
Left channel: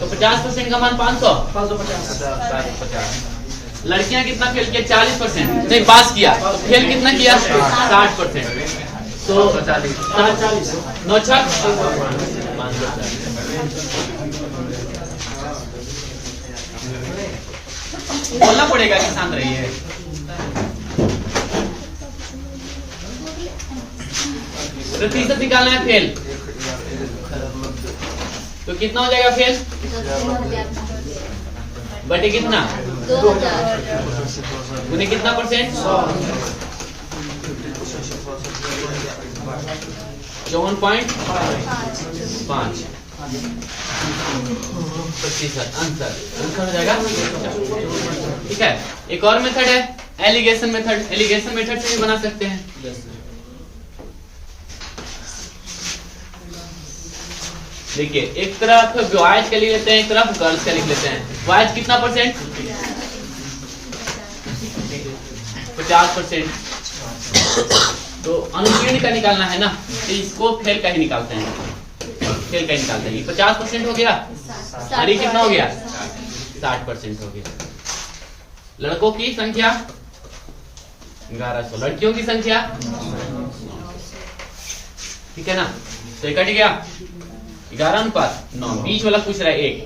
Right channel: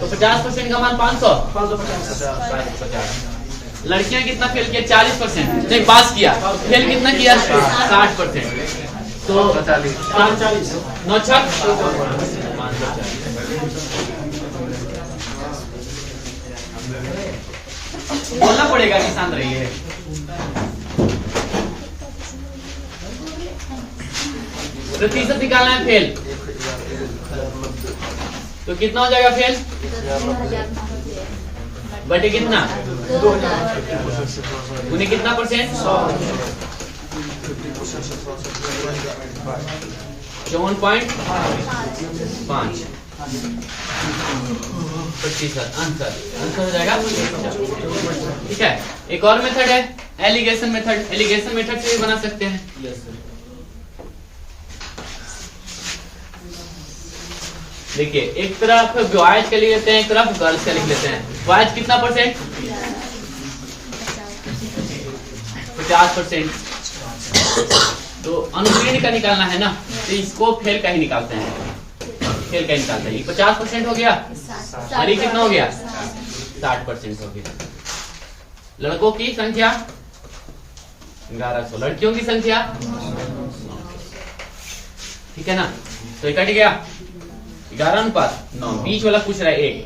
तो 50% का मान 550। लड़कियां कितना फेल किया 40%, नहीं पास किया, फेल कितना किया 60%, तो 40 9 6 बोलना पड़ेगा कि शांत रहिए। प्रतिशत निकालना है फेल, तो कितना हो जाएगा फेल बटे कितना 2000 उन्हें कितना परसेंट 54.5 प्रतिशत आंसर हो जाएगा। ठीक है, एक और मेथड है एलिगेशन मेथड। एलिगेशन मेथड से भी बना सकते हैं। देखिए एक तरफ बॉयज के लिए लेते हैं, एक तरफ गर्ल्स का लिख लेते हैं। बॉयज कितना परसेंट 50%, तो अनुत्तीर्ण का निकालना है ना, तो इसको फेल का ही निकालते हैं, फेल का ही निकालते हैं। 50% हो गया और ये कितना हो गया 60% हो गया। लड़कों की संख्या 1100, लड़कियों की संख्या, ठीक है ना, तो कट गया 11:9। बीच वाला पूछ रहा है 1,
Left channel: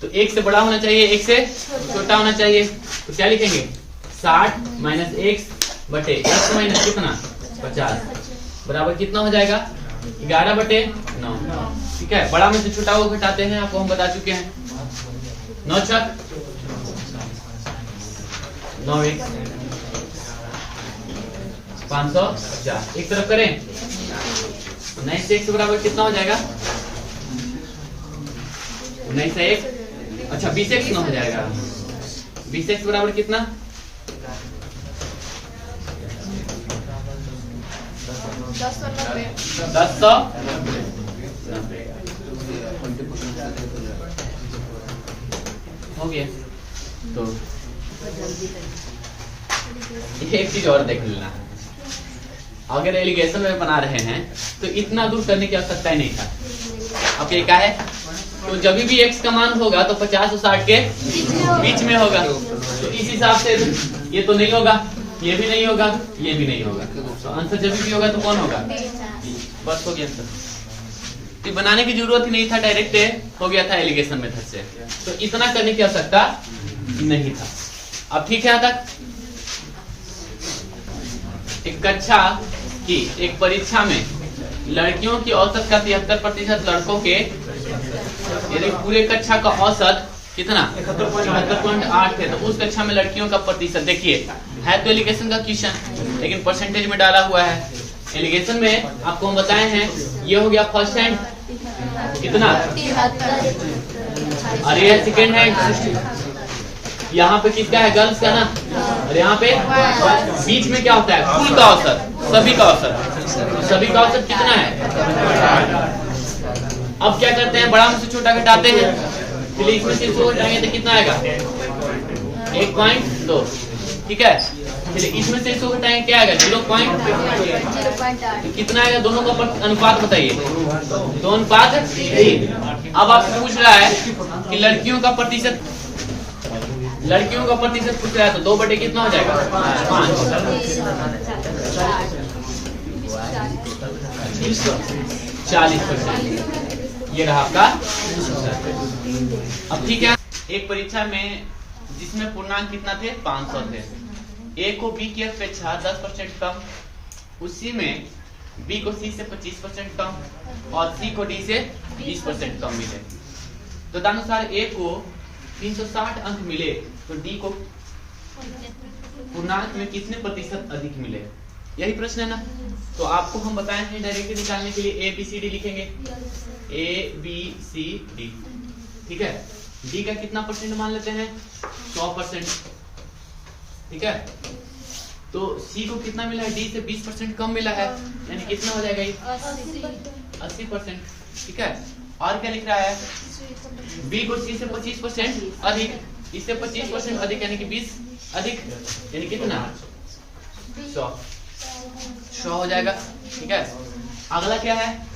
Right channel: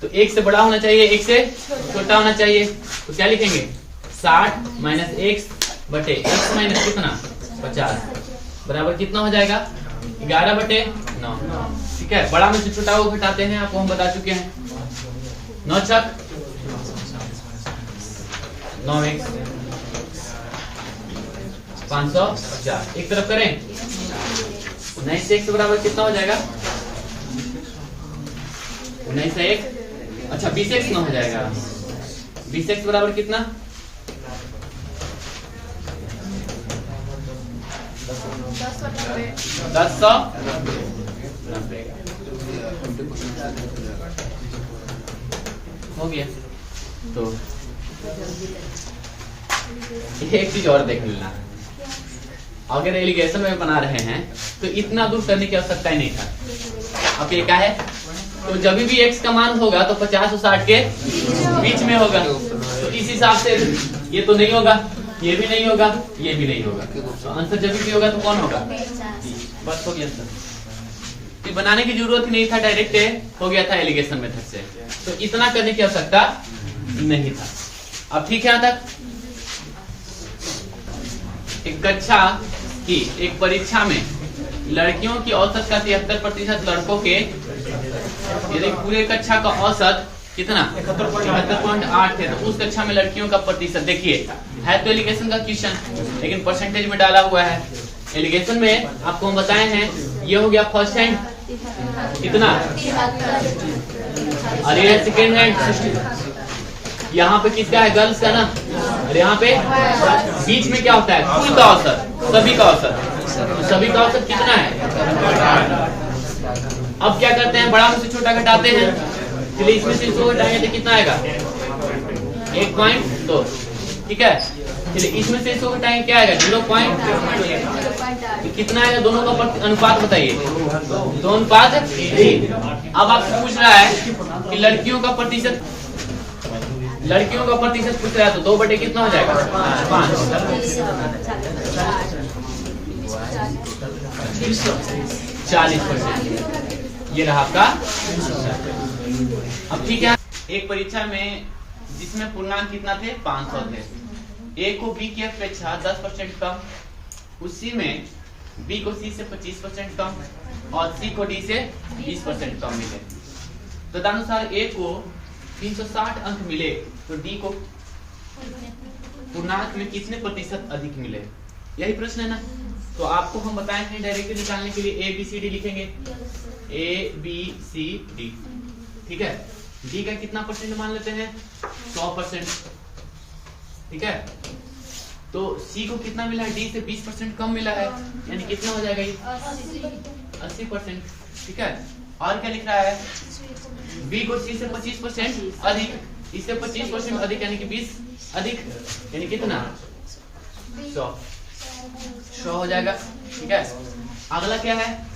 तो 1 से बड़ा होना चाहिए, 1 से छोटा होना चाहिए, तो क्या लिखेंगे 60 माइनस 1 बटे 1 माइनस कितना 50 बराबर कितना हो जाएगा 11/9। ठीक है, बड़ा में से छोटा को घटाते हैं, आपको हम बता चुके हैं। 9 6 9 1 550। एक तरफ करें 19 से 1 से बराबर कितना हो जाएगा 19 से 1, अच्छा 20x में हो जाएगा। 20x बराबर कितना 1090 हो गया। तो एक चीज और देख लेना, अगर एलिगेशन में बना रहे हैं तो इतना दूर करने की आवश्यकता ही नहीं था। अब ये क्या है, तो जब भी x का मान होगा तो 50 और 60 के बीच में होगा, तो इस हिसाब से ये तो नहीं होगा, ये भी नहीं होगा, ये भी नहीं होगा, तो आंसर जब भी होगा तो कौन होगा, बस हो गया आंसर। तो बनाने की जरूरत ही नहीं था, डायरेक्ट हो गया था एलिगेशन मेथड से, तो इतना करने की आवश्यकता नहीं था। अब ठीक है, यहाँ तक एक कक्षा की एक परीक्षा में लड़कियों की औसत का 73%, लड़कों के यदि पूरे कक्षा का औसत कितना 71.8 है, तो उस कक्षा में लड़कियों का प्रतिशत देखिए, है तो एलिगेशन का क्वेश्चन लेकिन परसेंटेज में डाला हुआ है। एलिगेशन में आपको हम बताए हैं ये हो गया फर्स्ट हैंड कितना, और ये है सेकेंड हैंड, यहाँ पे किसका है गर्ल्स का ना, और यहाँ पे बीच में क्या होता है कुल का औसत, सभी का औसत, सभी का औसत कितना है। अब क्या करते हैं, बड़ा में से छोटा घटाते हैं, फिर इसमें से इसको घटाएंगे तो कितना आएगा 1.2, ठीक है, फिर इसमें से इसको घटाएंगे क्या आएगा 0.2, तो कितना आएगा, दोनों का अनुपात बताइए 2:3। अब आपसे पूछ रहा है कि लड़कियों का प्रतिशत, लड़कियों का प्रतिशत पूछ रहा है, तो 2 बटे कितना हो जाएगा 5, 40%। ये रहा आपका। अब ठीक है, एक परीक्षा में जिसमें पूर्णांक कितना थे 500 थे, ए को बी की अपेक्षा 10% कम, उसी में बी को सी से 25% कम और सी को डी से 20% कम मिले। तो तदनुसार ए को 360 अंक मिले, तो डी को पूर्णांक में कितने प्रतिशत अधिक मिले, यही प्रश्न है ना। तो आपको हम बताए हैं डायरेक्टली निकालने के लिए ए बी सी डी लिखेंगे, ए बी सी डी, ठीक है। डी का कितना परसेंट मान लेते हैं 100%, ठीक है। तो सी को कितना मिला है, डी से 20% कम मिला है, यानी कितना हो जाएगा ये 80%। ठीक है। और क्या लिख रहा है, बी को सी से 25% अधिक, इससे 25% अधिक यानी कि 20 अधिक, यानी कितना 100 हो जाएगा। ठीक है। अगला क्या है,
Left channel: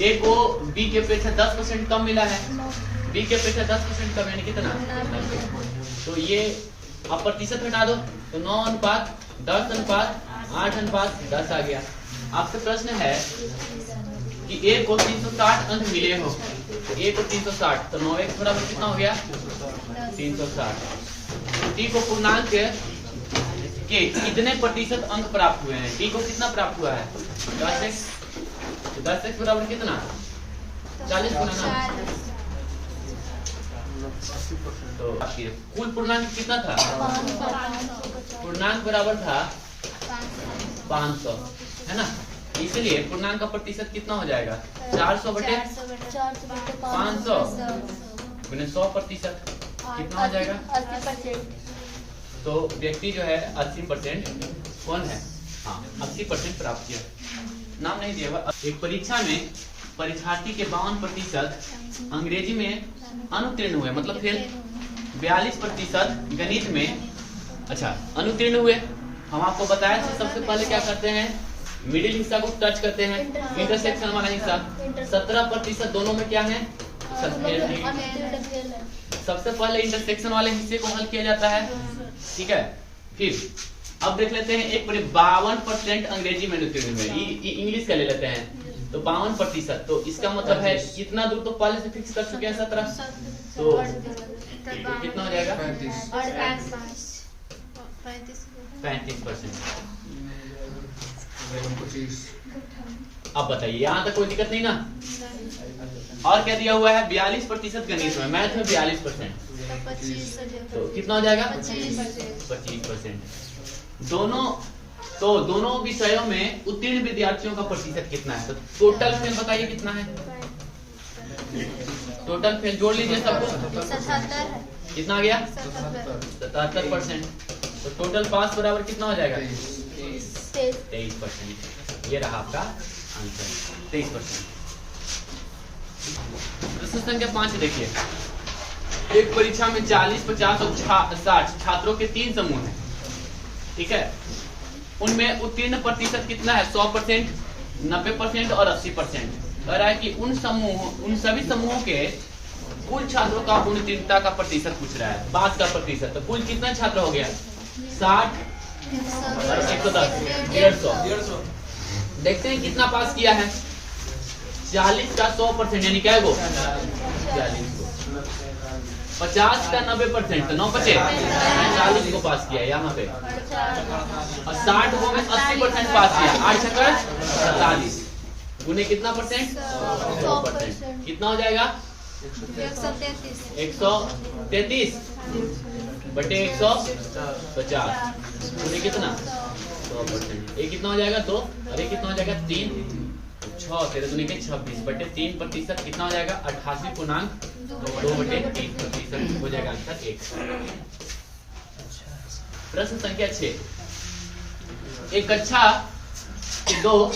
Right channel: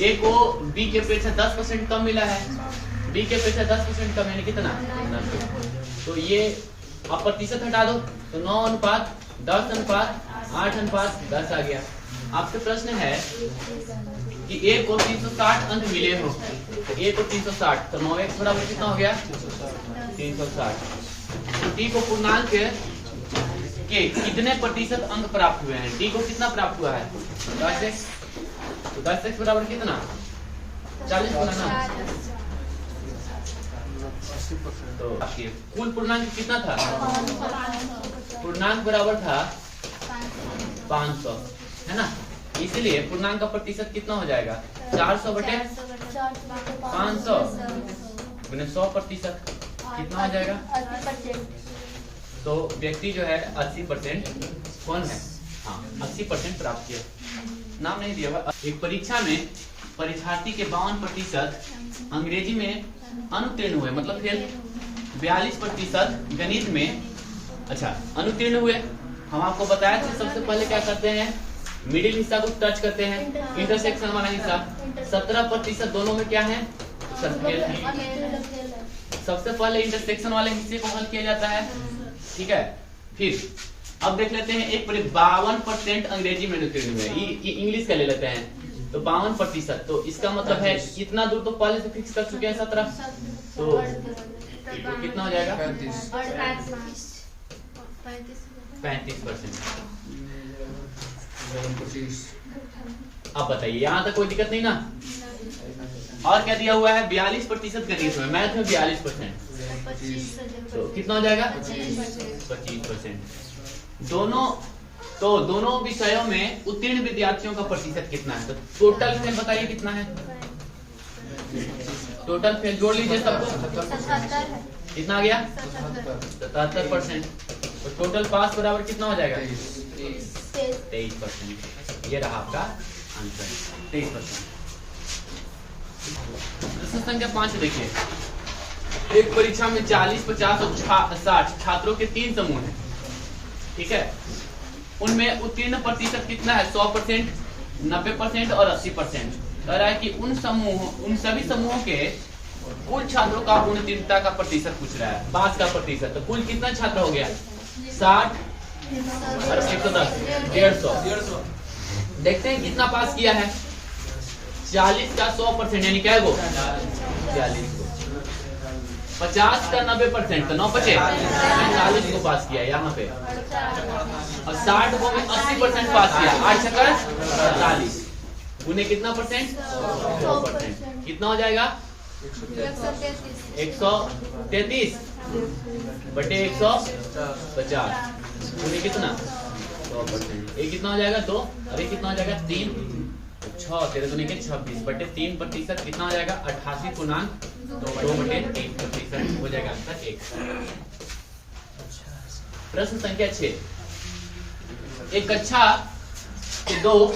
ए को बी के अपेक्षा 10% कम मिला है, बी के अपेक्षा 10% कम यानी कितना, तो ये अब प्रतिशत हटा दो तो 9:10:8:10 आ गया। आपसे प्रश्न है कि ए को 360 अंक मिले हो, तो ए को 360 तो 9 थोड़ा कितना हो गया 360। तो डी को पूर्णांक के कितने प्रतिशत अंक प्राप्त हुए हैं, डी को कितना प्राप्त हुआ है 10x, तो 10x बराबर कितना 40 गुना ना, तो कुल पूर्णांक कितना था, पूर्णांक बराबर था 500 है ना, इसलिए पूर्णांक का प्रतिशत कितना हो जाएगा 400/500 गुने 100% कितना हो जाएगा, तो व्यक्ति जो है 80% कौन है, हाँ 80% प्राप्त किया, नाम नहीं दिया। एक परीक्षा में परीक्षार्थी के 52% अंग्रेजी में अनुत्तीर्ण हुए, मतलब फिर 42% गणित में अच्छा अनुत्तीर्ण हुए। हम आपको बताया कि सबसे पहले क्या करते हैं, मिडिल हिस्सा को टच करते हैं, इंटरसेक्शन वाला हिस्सा। 17% दोनों में क्या है, सबसे पहले इंटरसेक्शन वाले हिस्से को हल किया जाता है। ठीक है। फिर अब देख लेते हैं एक 52% अंग्रेजी में अनुत्तीर्ण हुए, इंग्लिश का ले लेते हैं, तो 52%, तो इसका मतलब है कितना दूर तो पहले से फिक्स कर चुके हैं 17, तो कितना हो जाएगा 35%। अब बताइए यहाँ तक कोई दिक्कत नहीं ना। और क्या दिया हुआ है 42% गणित में, मैथ में 42%, तो कितना हो जाएगा 25%। दोनों विषयों में उत्तीर्ण विद्यार्थियों का प्रतिशत कितना है, तो टोटल फेल बताइए कितना है, टोटल फेल जोड़ लीजिए सबको, कितना आ गया 77%, तो टोटल पास बराबर कितना हो जाएगा 23%। ये रहा आपका आंसर 23%। प्रश्न संख्या 5 देखिए, एक परीक्षा में 40, 50 और 60 छात्रों के 3 समूह हैं। ठीक है। उनमें उत्तीर्ण प्रतिशत कितना है 100%, 90% और 80%। कह रहा है कि उन सभी समूहों के कुल छात्रों का उत्तीर्णता का प्रतिशत पूछ रहा है, पास का प्रतिशत। तो कुल कितना छात्र हो गया 60 और 110 150। देखते हैं कितना पास किया है, 40 का 100% यानी क्या है वो 40 को, 50 का 90% तो 9 बचे 40 को पास किया यहाँ पे, और 60 को में 80% पास किया, 8 छक्का 47 गुने कितना परसेंट 100%, कितना हो जाएगा 133 बटे 150 गुने कितना 100%, ये कितना हो जाएगा 2 और ये कितना हो जाएगा 3, 6 13 गुने के 26 बटे 3% कितना हो जाएगा 88.2/3% हो जाएगा आंसर 1। प्रश्न संख्या 6, एक कक्षा के 2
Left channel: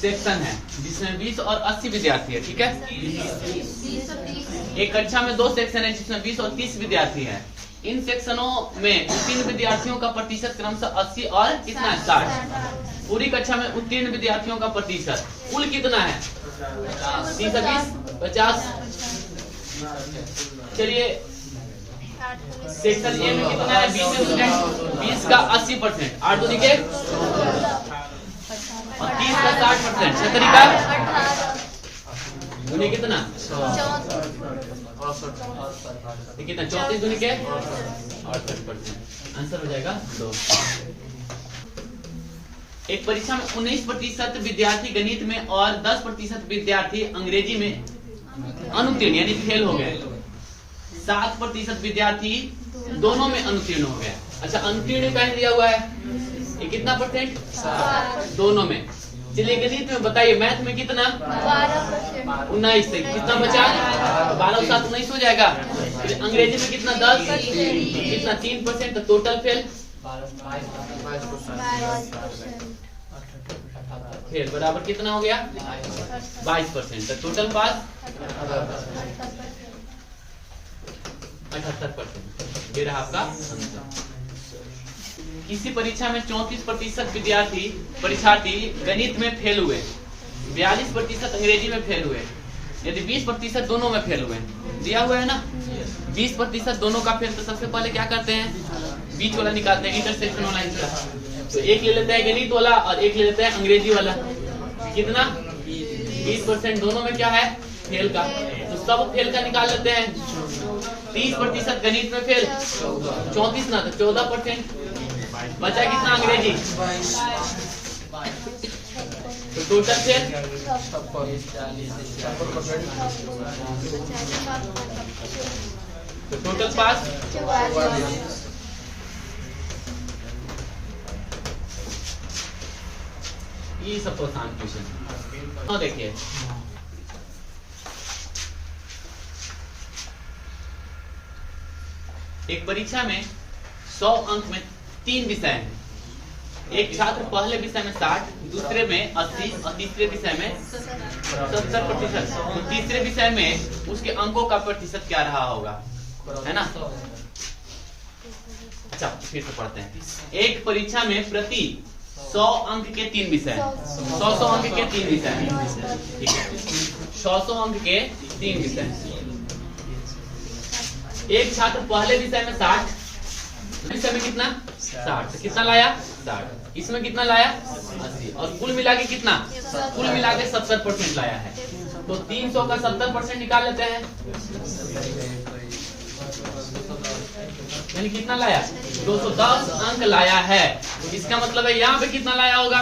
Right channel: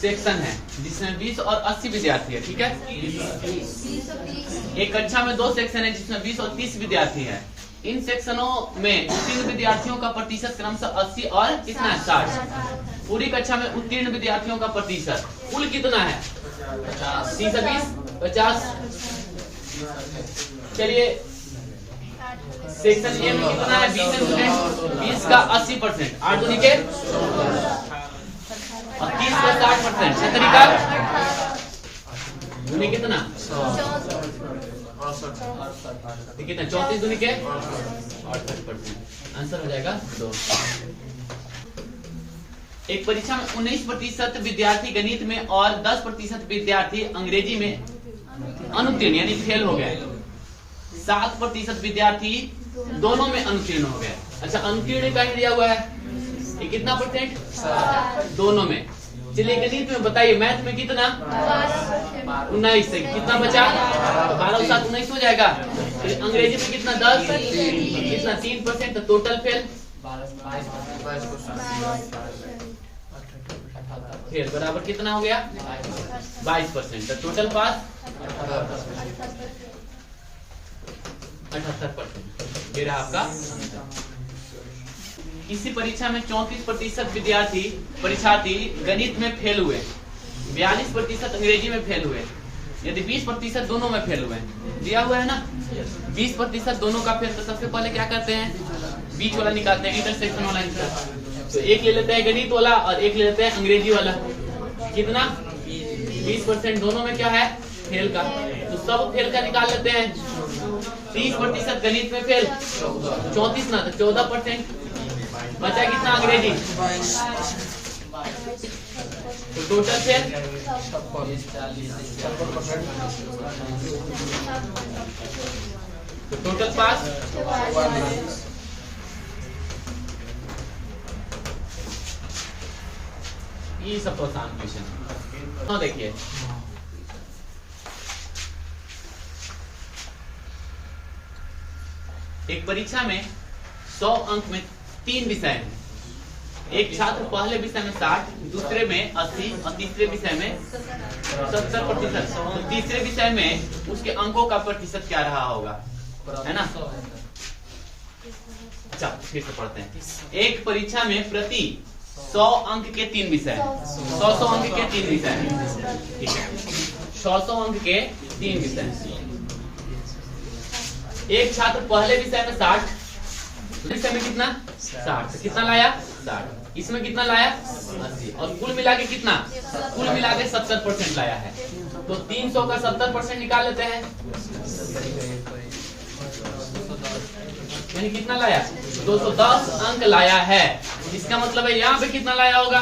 सेक्शन है जिसमें 20 और 80 विद्यार्थी है। ठीक है। एक कक्षा में 2 सेक्शन है जिसमें 20 और 30 विद्यार्थी है। इन सेक्शनों में उत्तीर्ण विद्यार्थियों का प्रतिशत क्रमशः 80 और कितना है 60। पूरी कक्षा में उत्तीर्ण विद्यार्थियों का प्रतिशत कुल कितना है 30 20 50। चलिए सेक्शन ए में कितना है 20 स्टूडेंट, 20 का 80%, 8 दूनी के और 30 का 60%, 70 का दूनी कितना 68, कितना 34 दूनी के 68%, आंसर हो जाएगा 2। एक परीक्षा में 19% विद्यार्थी गणित में और 10% विद्यार्थी अंग्रेजी में अनुत्तीर्ण यानी फेल हो गए। 7% विद्यार्थी दोनों में अनुत्तीर्ण हो गए। अच्छा, अनुत्तीर्ण का दिया हुआ है ये कितना परसेंट दोनों में। चलिए गणित में बताइए, मैथ में कितना 19 से कितना बचा 12 और 7 19 हो जाएगा। अंग्रेजी में कितना 10 कितना 3%, तो टोटल फेल फेल बराबर कितना हो गया 22%। तो टोटल पास 78%। ये रहा आपका आंसर। किसी परीक्षा में 34% परीक्षार्थी गणित में फेल हुए, 42% अंग्रेजी में फेल हुए, यदि 20% दोनों में फेल हुए, दिया हुआ है ना 20% दोनों का फेल, तो सबसे पहले क्या करते हैं बीच वाला निकालते हैं, इंटरसेक्शन वाला निकालते हैं। तो एक ले लेते हैं गणित वाला और एक ले लेते हैं अंग्रेजी वाला। कितना 20% दोनों में क्या है फेल का, तो सब फेल का निकाल लेते हैं। 30% गणित में फेल, 34 ना तो 14%, बचा कितना अंग्रेजी, तो टोटल फेल 56%। तो टोटल पास 44। ये सब तो आसान क्वेश्चन। तो देखिए एक परीक्षा में 100 अंक में 3 विषय हैं। एक छात्र पहले विषय में 60, दूसरे में 80 और तीसरे विषय में 70%। तो तीसरे विषय में उसके अंकों का प्रतिशत क्या रहा होगा, है ना। अच्छा फिर से पढ़ते हैं। एक परीक्षा में प्रति 100 अंक के 3 विषय, 100 अंक के 3 विषय, ठीक है 100 अंक के 3 विषय। एक छात्र पहले विषय में 60, विषय में कितना 60, कितना लाया 60, इसमें कितना लाया 80, और कुल मिला के कितना, कुल मिला के 70% लाया है। तो 300 का 70% निकाल लेते हैं, यानी कितना लाया 210 अंक लाया है। इसका मतलब है यहाँ पे कितना लाया होगा,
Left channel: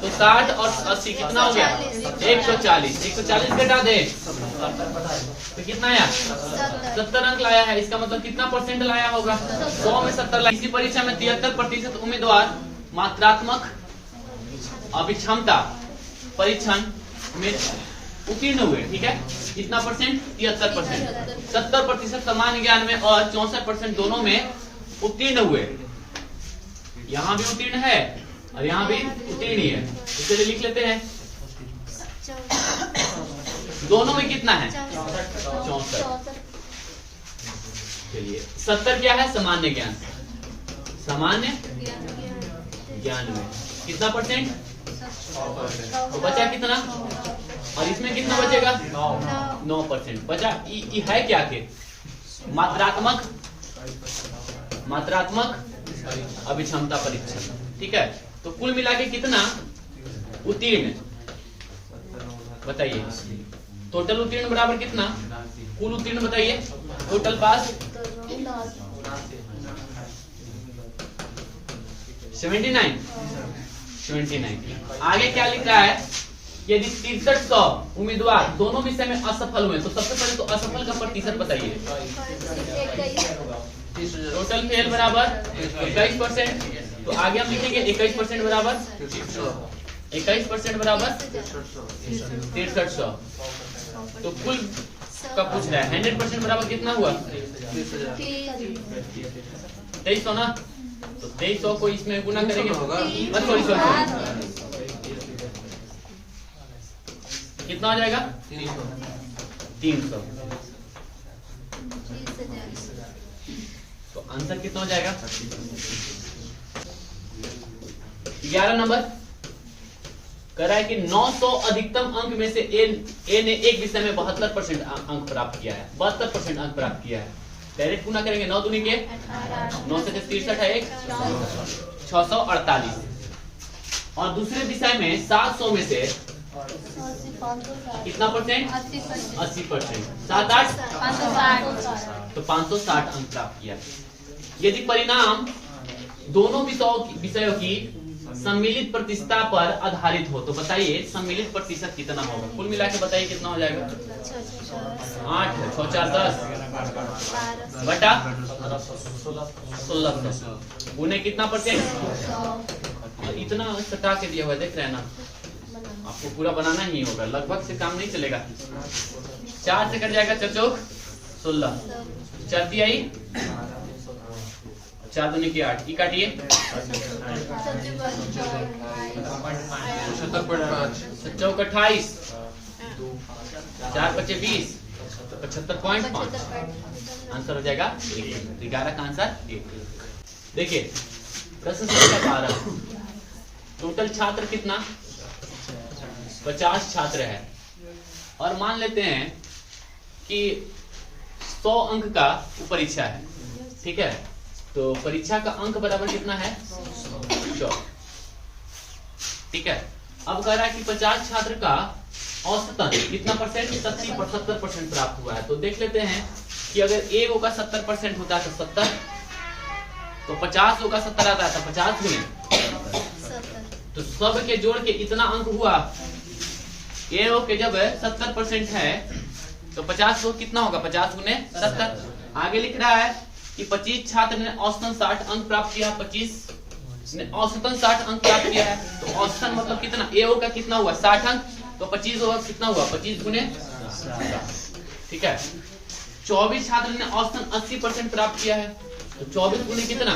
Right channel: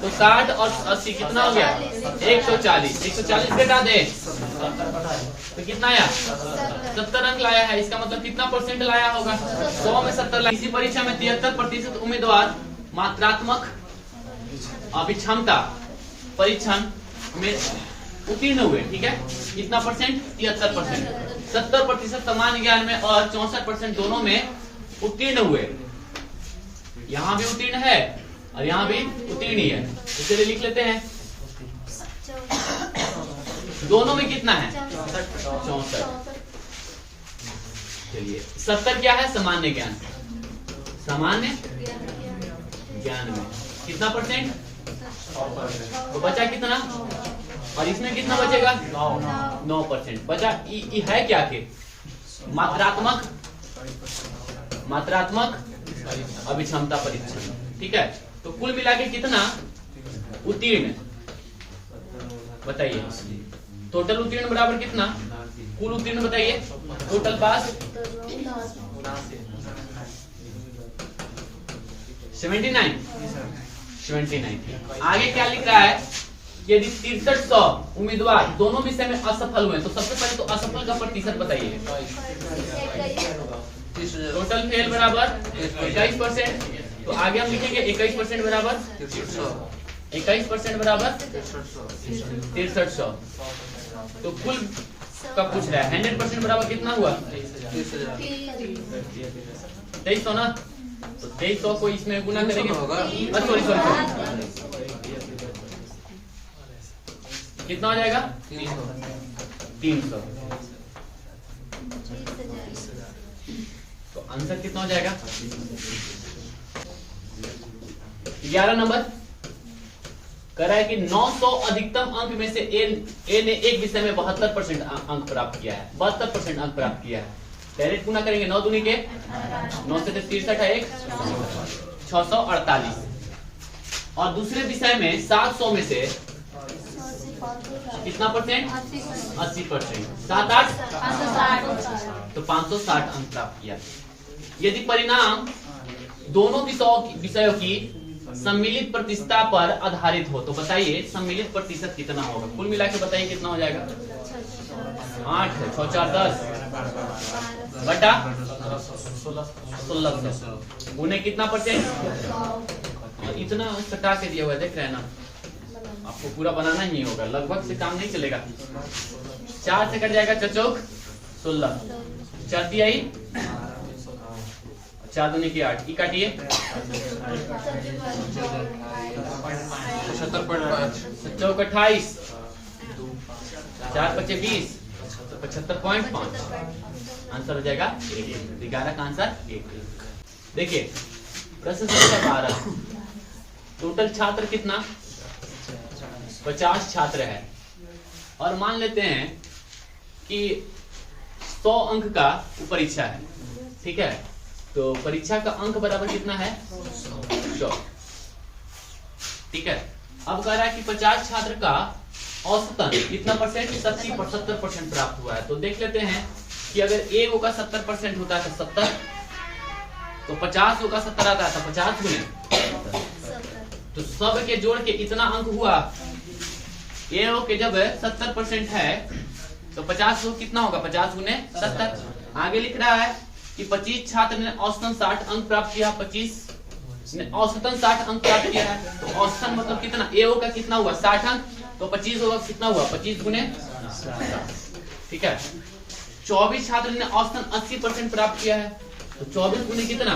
तो 60 और 80 कितना हो गया 140, 140 घटा दे तो कितना आया 70 अंक लाया है। इसका मतलब कितना परसेंट लाया होगा 100 में 70 लाया। इसी परीक्षा में 73% उम्मीदवार मात्रात्मक अभिक्षमता परीक्षण में उत्तीर्ण हुए, ठीक है कितना परसेंट 73%। 70% सामान्य ज्ञान में और 64% दोनों में उत्तीर्ण हुए। यहाँ भी उत्तीर्ण है और यहाँ भी उत्तीर्ण ही है, इसलिए लिख लेते हैं। दोनों में कितना है 64। चलिए 70 क्या है सामान्य ज्ञान, सामान्य ज्ञान में कितना परसेंट, तो बचा कितना, और इसमें कितना बचेगा 9% बचा। ये है क्या के मात्रात्मक अभिक्षमता परीक्षण, ठीक है। तो कुल मिला के कितना उत्तीर्ण बताइए, टोटल उत्तीर्ण बराबर कितना, कुल उत्तीर्ण बताइए, टोटल पास 79। आगे क्या लिख रहा है, यदि 6300 उम्मीदवार दोनों विषय में असफल हुए, तो सबसे पहले तो असफल का प्रतिशत बताइए। टोटल फेल बराबर 21%, तो आगे हम लिखेंगे 21% बराबर 21% बराबर 6300। तो कुल का पूछ रहा है 100% बराबर कितना हुआ 2300 ना, तो 2300 को इसमें गुना करेंगे सॉरी कितना हो जाएगा 300। तो आंसर कितना हो जाएगा 11 नंबर कह रहा है कि 900 अधिकतम अंक में से ए ने एक विषय में 72% अंक प्राप्त किया है, 72% अंक प्राप्त किया है। डायरेक्ट गुना करेंगे 9 दूनी के 9 से 63 है 648, और दूसरे विषय में 700 में से कितना परसेंट 80%, 7-8 तो 560 अंक प्राप्त किया। यदि परिणाम दोनों विषयों की सम्मिलित प्रतिशतता पर आधारित हो, तो बताइए सम्मिलित प्रतिशत कितना होगा, कुल मिला के बताइए कितना हो जाएगा 8 है 6 4 10 बटा 1600 उन्हें कितना परसेंट, और इतना सटा के दिया हुआ है देख रहे हैं ना, आपको पूरा बनाना ही होगा, लगभग से काम नहीं चलेगा। 4 से कट जाएगा 4 चौक 16, 4 तिहाई 4 दूनी की 8, की काटिए 75.5 चौक 28, 4 × 5 = 20, तो 75.5 आंसर हो जाएगा 11 का आंसर 1। देखिए प्रश्न संख्या 12, टोटल छात्र कितना 50 छात्र है और मान लेते हैं कि 100 अंक का परीक्षा है, ठीक है। तो परीक्षा का अंक बराबर कितना है 100, ठीक है। अब कह रहा है कि 50 छात्र का औसतन कितना परसेंट 70% प्राप्त हुआ है। तो देख लेते हैं कि अगर ए का 70% होता है तो 70, तो 50 का 70 आता है तो 50 गुने, तो सब के जोड़ के इतना अंक हुआ। ए के जब 70% है तो 50 को कितना होगा 50 गुने 70। आगे लिख रहा है कि 25 छात्र ने औसतन 60 अंक प्राप्त किया, 25 ने औसतन 60 अंक प्राप्त किया है। तो औसतन मतलब कितना, ए का कितना हुआ 60 अंक, तो 25 होगा कितना हुआ 25 गुने 60, ठीक है। 24 छात्र ने औसतन 80% प्राप्त किया है, तो 24 गुने कितना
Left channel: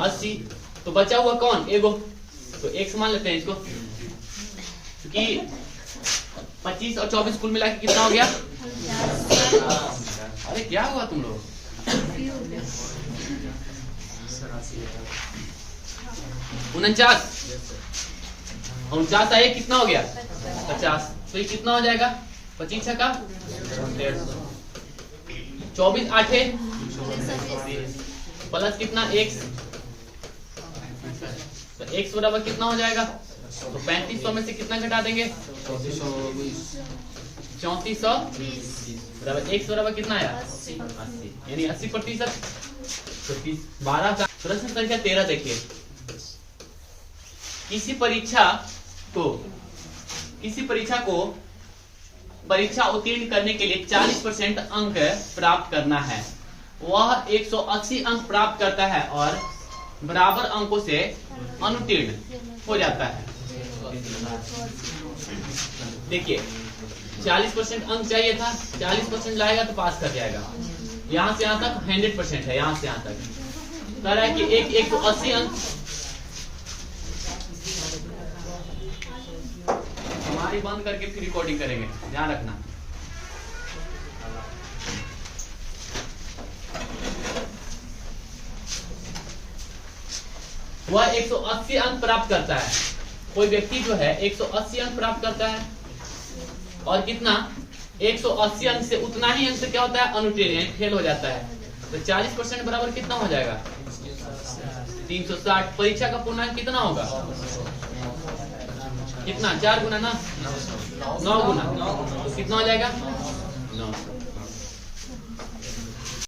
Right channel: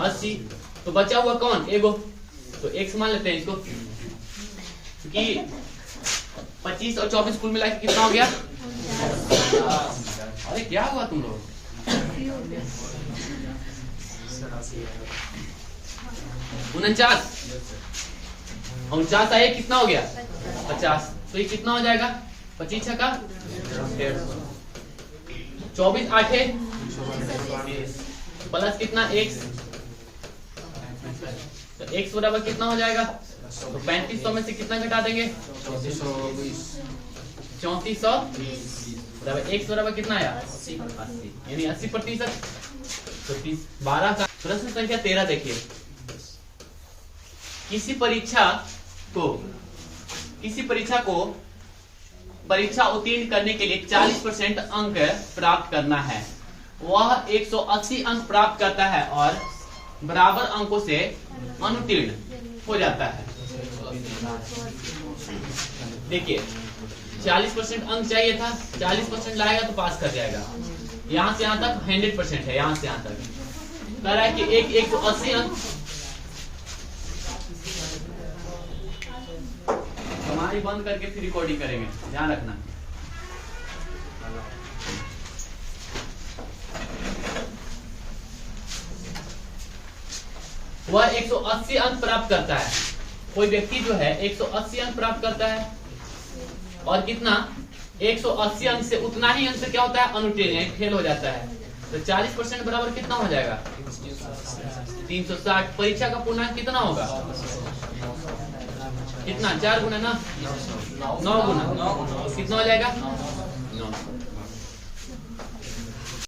80, तो बचा हुआ कौन एगो, तो x मान लेते हैं इसको, क्योंकि 25 और 24 कुल मिला के कितना हो गया। अरे क्या हुआ तुम लोग, 49 आए कितना हो गया 50, तो ये कितना हो जाएगा 25 का 150, 24 8 प्लस कितना x, तो x बराबर कितना हो जाएगा, तो 3500 में से कितना घटा देंगे 3400 बराबर x बराबर कितना आया 80, यानी 80%। तो 12 का प्रश्न संख्या 13 देखिए, किसी परीक्षा को परीक्षा उत्तीर्ण करने के लिए 40% अंक प्राप्त करना है। वह 180 अंक प्राप्त करता है और बराबर अंकों से अनुत्तीर्ण हो जाता है। देखिए 40% अंक चाहिए था, 40% लाएगा तो पास कर जाएगा। यहाँ से यहाँ तक 100% है, यहाँ से यहाँ तक कह रहा है कि 180 अंक। हमारी बंद करके फिर रिकॉर्डिंग करेंगे, ध्यान रखना। वह 180 अंक प्राप्त करता है, कोई व्यक्ति जो है 180 अंक प्राप्त करता है और कितना 180 अंक से उतना ही अंक से क्या होता है अनुत्तीर्ण, फेल हो जाता है। तो 40% बराबर कितना हो जाएगा 360। परीक्षा का पूर्णांक कितना होगा, कितना 4 गुना ना 9 गुना, कितना हो जाएगा 900।